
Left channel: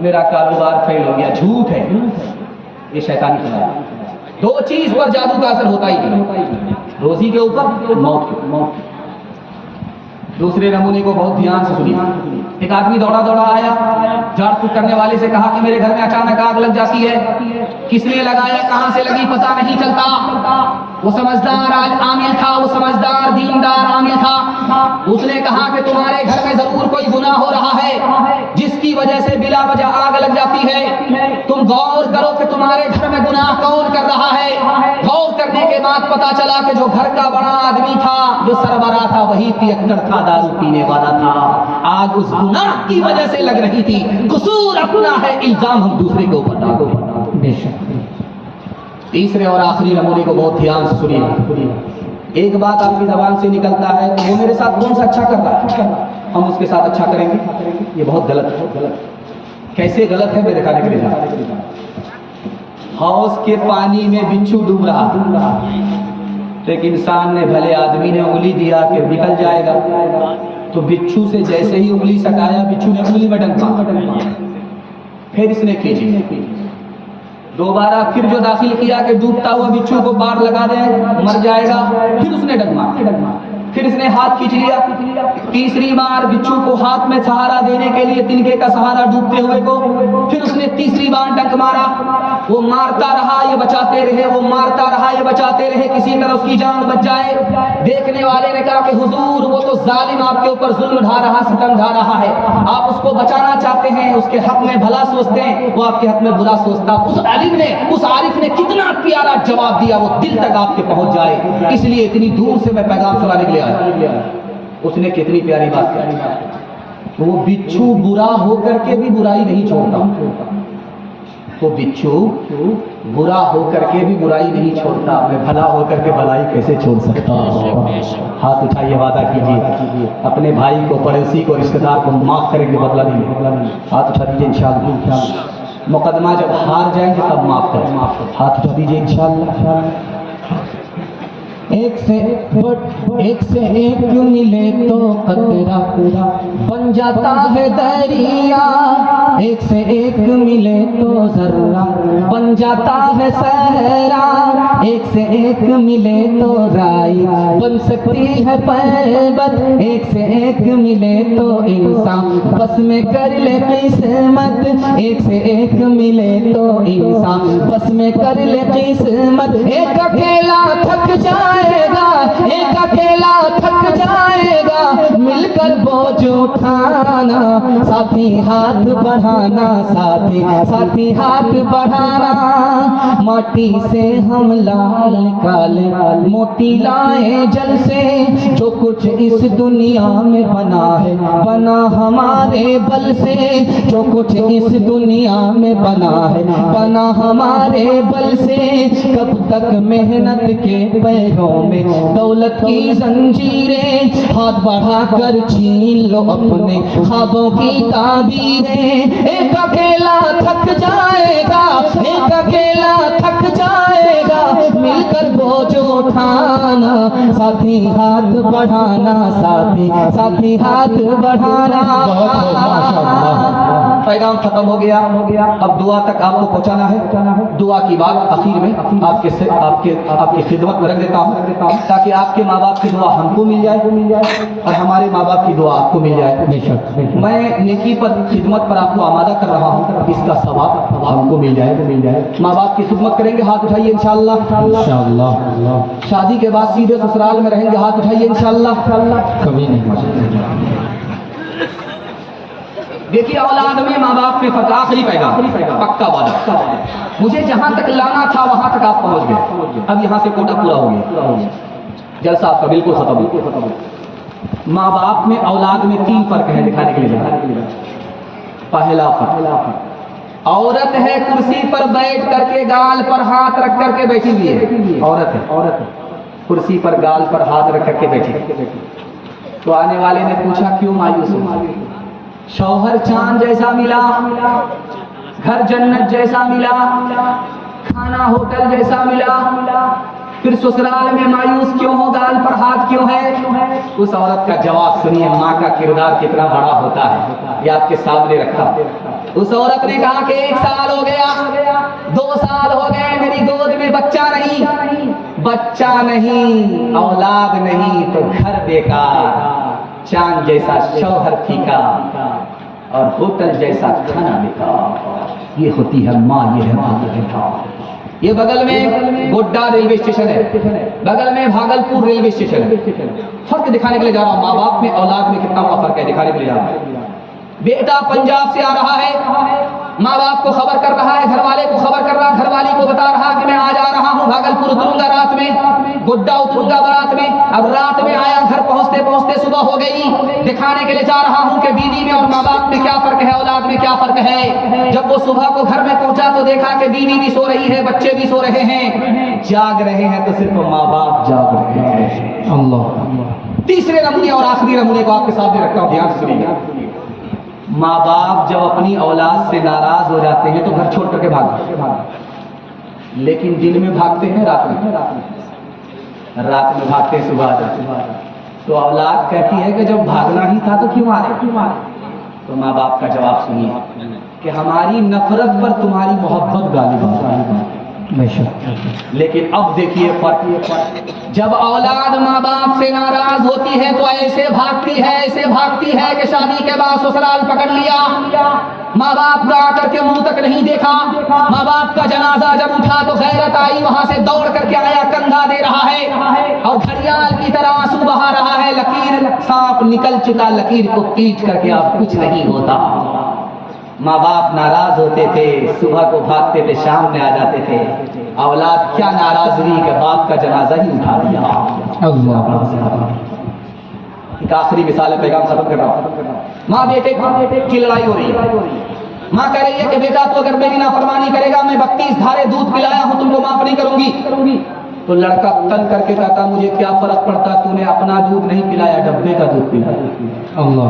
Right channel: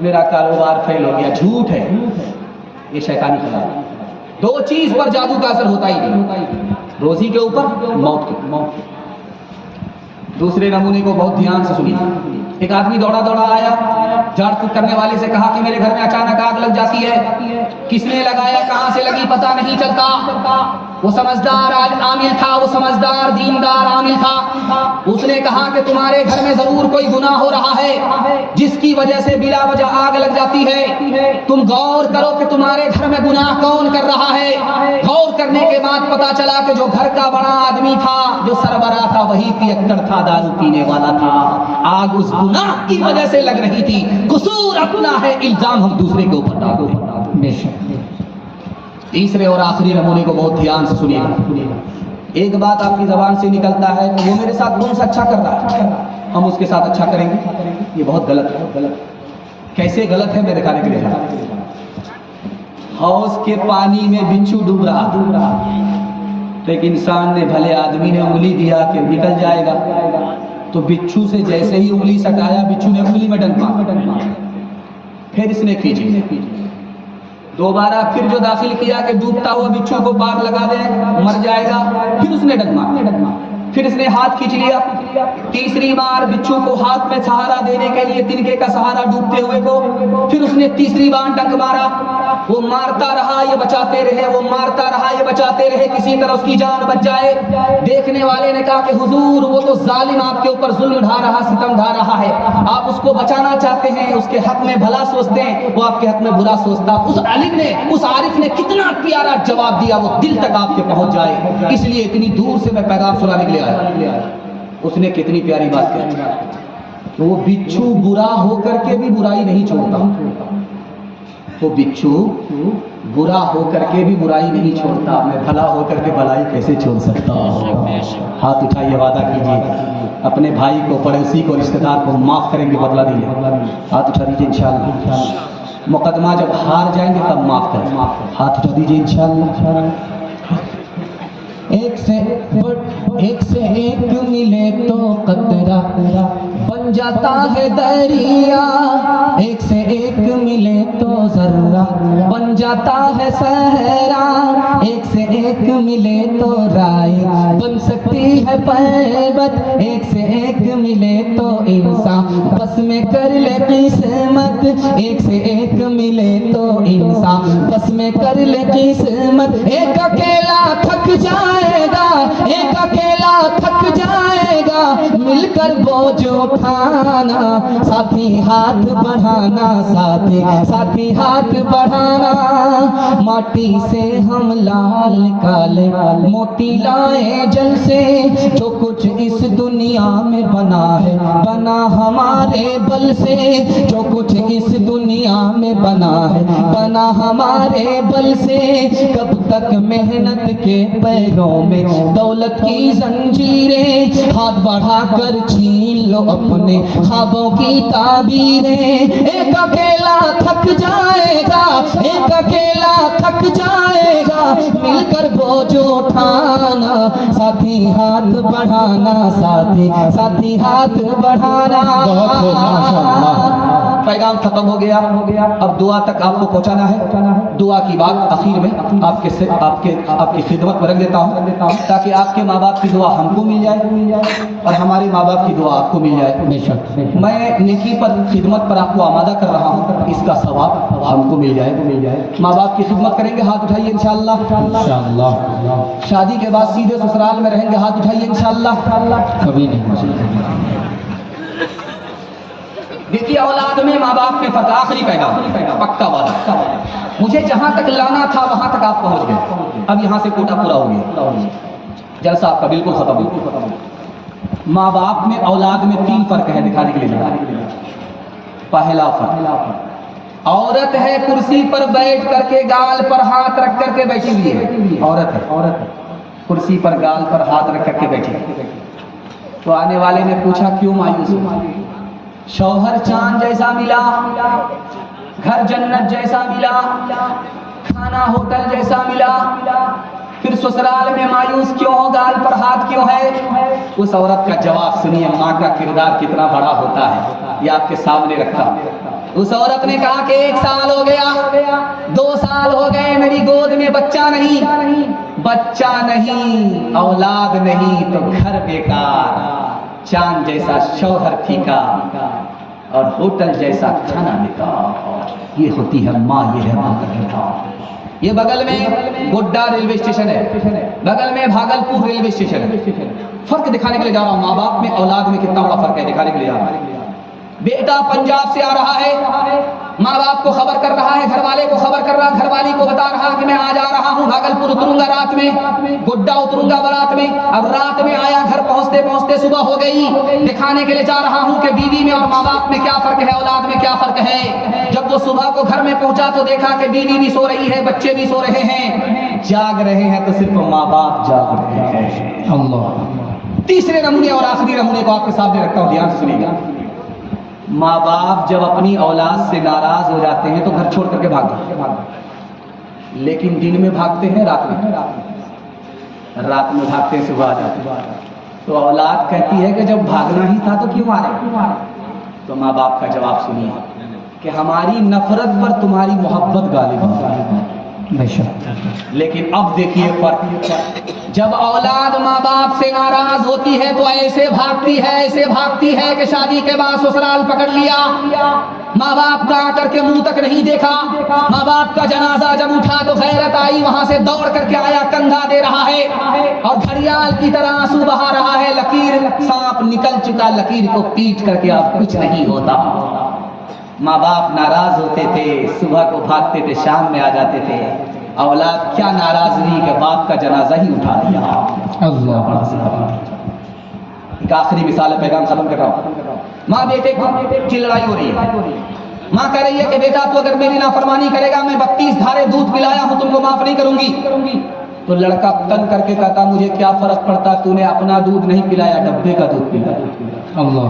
मेरा कारोबार फेल हो गया, झूठ है, ये शैतानी ख्याल। 2 चीज पर जादू का असर होता ही नहीं, रोजी के ऊपर, मौत के ऊपर। दूसरे नमूने को बहुत ध्यान से सुनिए। एक आदमी दौड़ा दौड़ा आया, झाड़ फूक करने वाले से कहा कि मेरे घर में अचानक आग लग जाती है। किसने लगाया, कहां से लगी, पता नहीं चलता। वो समझदार आमिल था, वो समझदार दीनदार आमिल था। उसने कहा कि तुम्हारे घर में जरूर कोई गुनाह हो रहा है जिसकी वजह से बिला वजह आग लग जाती है। तुम गौर करो कि तुम्हारे घर में गुनाह कौन कर रहा है। गौर करने के बाद पता चला कि जो घर का बड़ा आदमी था, जो सरबराह था, वही पियक्कड़ था, दारू पीने वाला था। आग उस गुनाह की वजह से लग रही थी। कसूर अपना है, इल्जाम हम दूसरे के ऊपर डालते। तीसरे और आखिरी नमूने को बहुत ध्यान से सुनिए। एक बात आपकी जबान से निकलता है, वो मेरे साथ कौन सा अच्छा कर रहा है, हम उसके साथ अच्छा करेंगे। ये बहुत गलत है। कैसे गलत है मैं दिखाने के लिए जा रहा हूं। हौज के पानी में बिच्छू डूब रहा था, तो एक इंसान ने, भले आदमी ने उंगली दिया कि निकल जाएगा, तो बिच्छू से जैसे ही उंगली सटाया, बिच्छू ने उंगली में डंक मारा। फिर इसने खींची, दोबारा फिर जो दाखिल किया कि डूबता हुआ बिच्छू को पार लगा दे, मर जाएगा, फिर उसने डंक मारा। फिर इसने हाथ खींच लिया। तीसरी बार बिच्छू को हाथ में सहारा देने के लिए, तिनके का सहारा डूबते हुए को, फिर उसने तीसरी बार डंक मारा। वो मारता रहा, ये बचाते रहे, वो मारता रहा, ये बचाते रहे, किसी तरह उसकी जान बच जाए। देखने वाले ने कहा कि हुजूर, वो तो जालिम आपके ऊपर जुल्म ढा रहा, सितम ढा रहा है, आप उसको बचाना चाहते हैं, उसके हक में भला सोचते हैं, वो आपके हक में बुरा सोचता। उस आलिम ने, उस आरिफ ने कितना प्यारा जवाब दिया, वो दिल तक आपके पहुंच जाए। इसलिए इतनी दूर से मैं पैगाम सुनाने के लिए आया। उसने कितनी प्यारी बात कही। वो बिच्छू बुरा होकर के भी बुराई नहीं छोड़ता, वो बिच्छू बुरा होकर के भी बुराई नहीं छोड़ता। मैं भला होकर के भलाई कैसे छोड़ सकता हूँ। हाथ उठाइए, वादा कीजिए अपने भाई को, पड़ोसी को, रिश्तेदार को माफ करेंगे, बदला नहीं। हाथ उठा दीजिए इंशाअल्लाह। मुकदमा जब हार जाएंगे तब माफ करें। हाथ उठा दीजिए इंशाअल्लाह। एक से एक मिले तो कतरा बन जाता है दरिया, एक से एक मिले तो जर्रा बन जाता है सहरा, एक से एक मिले तो राई बन सकती है पर्वत, एक से एक मिले तो इंसान बस में कर ले किस्मत, एक से एक मिले तो इंसान बस में कर ले किस्मत। एक अकेला थक जाएगा, एक अकेला थक जाएगा, मिलकर बोझ उठाना, साथी हाथ बढ़ाना, साथी हाथ बढ़ाना। माटी से हम लाल निकाले, मोती लाए जल से, जो कुछ इस दुनिया में बना है बना हमारे बल से, जो कुछ इस दुनिया में बना है बना हमारे बल से। कब तक मेहनत के पैरों में दौलत की जंजीरें, हाथ बढ़ा कर छीन लो अपने ख्वाबों की ताबीरें। एक अकेला थक जाएगा, एक अकेला थक जाएगा, मिलकर बोझ उठाना, साथी हाथ बढ़ाना, साथी हाथ बढ़ाना। पैगाम खत्म हो गया। अब दुआ तक आपको पहुंचाना है। दुआ की बात आखिर में आपकी खिदमत में रख देता हूँ, ताकि आपके माँ बाप की दुआ हमको मिल जाए और हमारे माँ बाप की दुआ आपको मिल जाए। मैं नेकी पर खिदमत पर आपको आमादा कर रहा हूँ, इसका सवाब हमको मिल जाए। माँ बाप की खिदमत करेंगे, हाथ उठाइए इंशाअल्लाह। इंशाअल्लाह शादी के बाद सीधे ससुराल में रहेंगे, हाथ उठाइए इंशाअल्लाह। कभी नहीं। देखिए औलाद में माँ बाप में फर्क, आखिरी पैगाम पक्का वादा। मुझे जहां तक लाना था वहां तक आप पहुंच गए, अब यहां से कोटा पूरा हो गया, जलसा आपका बिल्कुल खत्म हो गया। माँ बाप में औलाद में 3 फर्क है दिखाने के लिए। पहला फर्क, औरत है कुर्सी पर बैठ करके गाल पर हाथ रख करके बैठी हुई है। औरत है कुर्सी पर गाल पर हाथ रख करके बैठी। तो आने वाले ने पूछा क्यों मायूस हो? शौहर चांद जैसा मिला, घर जन्नत जैसा मिला, खाना होटल जैसा मिला, फिर ससुराल में मायूस क्यों हो, गाल पर हाथ क्यों है? उस औरत का जवाब सुनिए, माँ का किरदार कितना बड़ा होता है, ये आपके सामने रखा। उस औरत ने कहा कि 1 साल हो गया, 2 साल हो गए, मेरी गोद में बच्चा नहीं, औलाद नहीं, तो घर बेकार, चांद जैसा शौहर फीका और होटल जैसा खाना बेकार। ये होती है माँ, ये है माँ का किरदार। ये बगल में गोड्डा रेलवे स्टेशन है, बगल में भागलपुर रेलवे स्टेशन है। फर्क दिखाने के लिए जा रहा हूँ, माँ बाप में औलाद में कितना बड़ा फर्क है दिखाने के लिए जा रहा हूँ। बेटा पंजाब से आ रहा है, माँ बाप को खबर कर रहा है, घर वाले को खबर कर रहा, घरवाली को बता रहा कि मैं आज आ रहा हूँ, भागलपुर उतरूंगा रात में, गोड्डा उतरूंगा बारात में। अब रात में आया, घर पहुंचते पहुंचते सुबह हो गई। दिखाने के लिए जा रहा हूँ कि बीवी में और माँ बाप में क्या फर्क है, औलाद में क्या फर्क है। जब वो सुबह को घर में पहुंचा तो देखा कि बीवी भी सो रही है, बच्चे भी सो रहे हैं, जाग रहे हैं तो सिर्फ माँ बाप जाग रहे हैं। अल्लाह। तीसरे नमूने और आखिरी नमूने को आपके सामने रखता हूँ, ध्यान से सुनिएगा। माँ बाप जब अपनी औलाद से नाराज हो जाते हैं तो घर छोड़ करके भागते हैं, लेकिन दिन में भागते हैं, रात में भागते हैं, सुबह आ जाते हैं। तो औलाद कहती है कि जब भागना ही था तो क्यों मारे? तो माँ बाप का जवाब सुनिए कि हमारी नफरत पर तुम्हारी मोहब्बत गालिब है। लेकिन अब देखिए फर्क, जब औलाद माँ बाप से नाराज होती है तो ऐसे भागती है कि शादी के बाद ससुराल पकड़ लिया, माँ बाप का आकर के मुंह तक नहीं देखा। माँ बाप का जनाजा जब उठा तो गैरत आई, वहां से दौड़ करके आया, कंधा दे रहा है और घड़ियाल की तरह आंसू बहा रहा है। लकीर, सांप निकल चुका, लकीर को पीट करके अब कुछ नहीं होता। माँ बाप नाराज होते थे, सुबह को भागते थे, शाम में आ जाते थे। औलाद क्या नाराज हुई कि बाप का जनाजा ही उठा दिया। एक आखिरी मिसाल है, पैगाम खत्म कर रहा हूँ। माँ बेटे की लड़ाई हो रही है। माँ कह रही है कि बेटा तू अगर मेरी नाफरमानी करेगा, मैं 32 धारे दूध पिलाया हूँ, तुमको माफ नहीं करूंगी। तो लड़का तन करके कहता, मुझे क्या फर्क पड़ता, तूने अपना दूध नहीं पिलाया, डब्बे का दूध पिलाया। अल्लाह।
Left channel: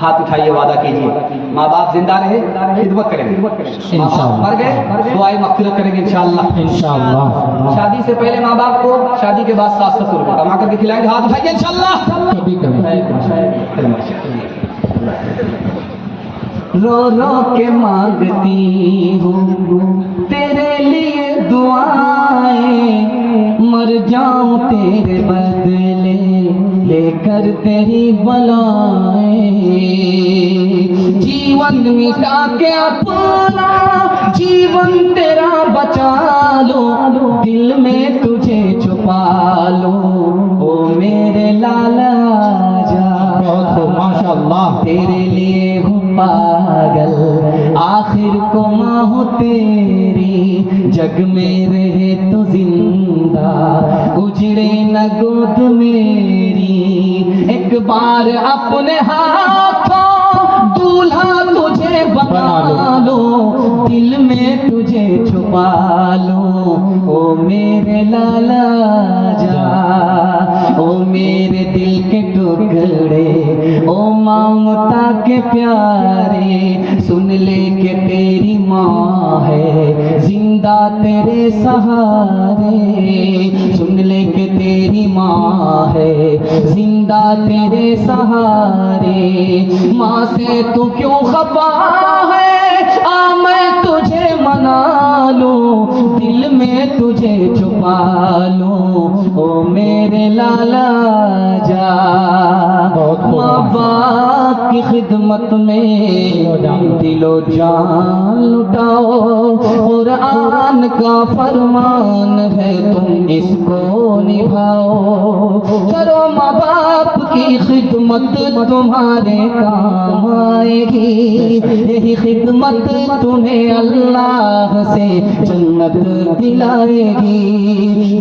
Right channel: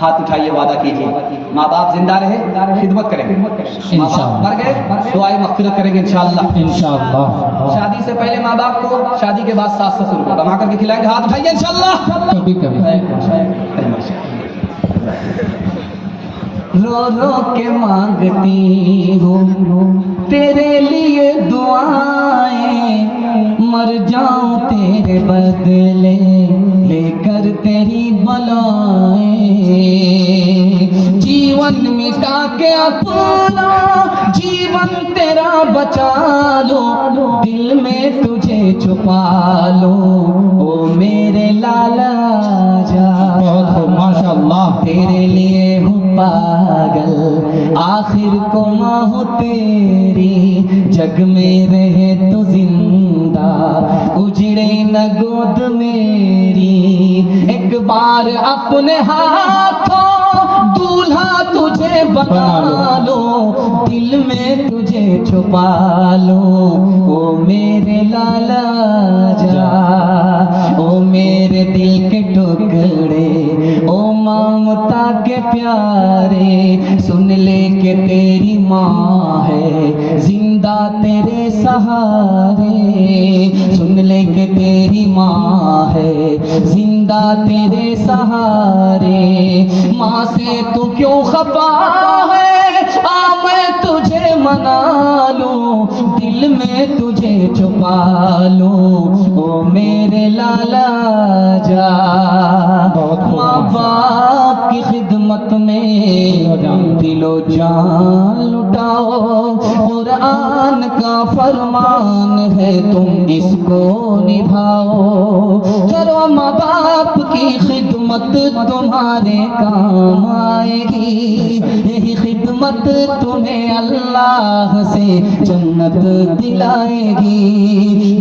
हाथ उठाइए, वादा कीजिए, माँ बाप जिंदा रहे, खिदमत करेंगे। इंशाअल्लाह। मर गए, दुआए मग़फ़िरत करेंगे इंशाअल्लाह। इंशाअल्लाह। शादी से पहले माँ बाप को, शादी के बाद सास ससुर को कमा करके खिलाएंगे, हाथ उठाइए इंशाअल्लाह। कभी रो रो के मांगती हूँ तेरे लिए दुआएं, मर जाऊं तेरे बदले लेकर तेरी बलाएं। जीवन मिटा के अपना जीवन तेरा बचा लो, दिल में तुझे छुपा लो, ओ मेरे लाला जा। बहुत माशाअल्लाह। तेरे लिए हूँ पागल, आखिर को माँ हो तेरी, जग में रहे तो जिंदा, उजड़े न गोद मेरी। एक बार अपने हाथों दूल्हा तुझे बना लो, दिल में तुझे छुपा लो, ओ मेरे लाला जा, ओ मेरे दिल के टुकड़े, ओ ममता के प्यारे, सुन ले के तेरी माँ है जिंदा तेरे सहारे, सुन ले के तेरी माँ है जिंदा तेरे सहारे। माँ से तू क्यों खफा है, तुम्हारे काम आएगी, यही खिदमत तुम्हें अल्लाह से जन्नत दिलाएगी,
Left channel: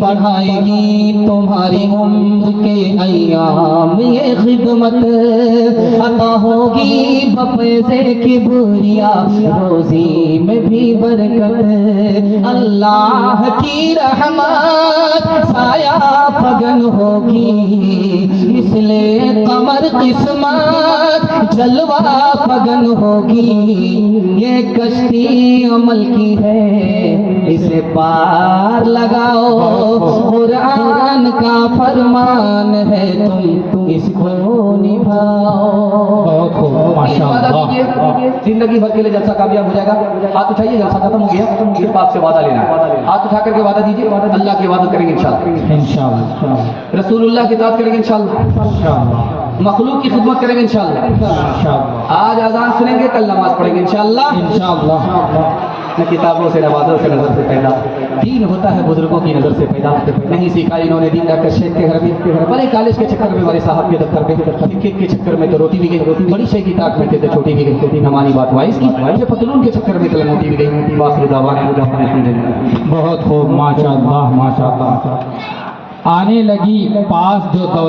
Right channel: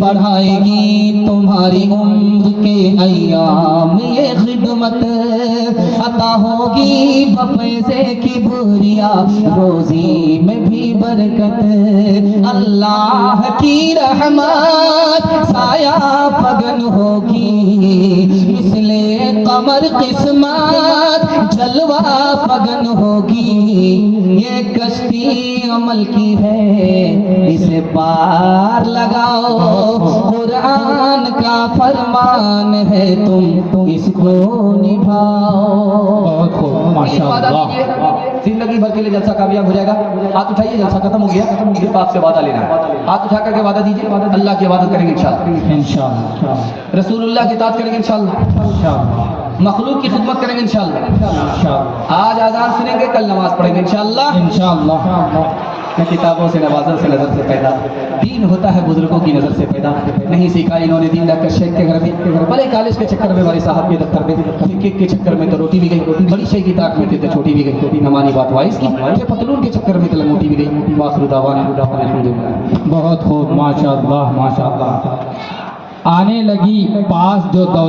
बढ़ाएगी तुम्हारी उम्र के अय्याम ये खिदमत, अता होगी बफैज़े की बुरिया, रोजी में भी बरकत, अल्लाह की रहमत साया फगन होगी, इसलिए कमर किस्मत जलवा फगन होगी, ये कश्ती अमल की है इसे पार लगाओ, कुरान का फरमान है तुम इसको निभाओ। बहुत खूब, माशाअल्लाह। जिंदगी भर के लिए जलसा कामयाब हो जाएगा। हाथ उठाइए, जलसा खत्म हो गया, सिर्फ आपसे वादा लेना है। हाथ उठा करके वादा दीजिए, अल्लाह की इबादत करेंगे इंशाअल्लाह, इंशाअल्लाह रसूलुल्लाह की इताअत करेंगे इंशाअल्लाह, इंशाअल्लाह मखलूक की खिदमत करेंगे इंशाअल्लाह, इंशाअल्लाह आज अज़ान सुनेंगे, कल नमाज पढ़ेंगे इंशाअल्लाह। इंशाअल्लाह। न किताबों से नवाजों से नजर से पैदा, दीन होता है बुजुर्गों की नजर से पैदा, नहीं सीखा इन्होंने दीन जाकर शेख के घर में, बड़े कॉलेज के चक्कर में, हमारे साहब के दफ्तर में, क्रिकेट के चक्कर में तो रोटी भी गई, बड़ी शेख की ताक में थे तो छोटी भी गई, हमारी बात वाइस की, ये पतलून के चक्कर में तो मोटी भी गई। वाखिर दावाना बहुत खूब, माशाअल्लाह माशाअल्लाह। आने लगी पास जो दौलत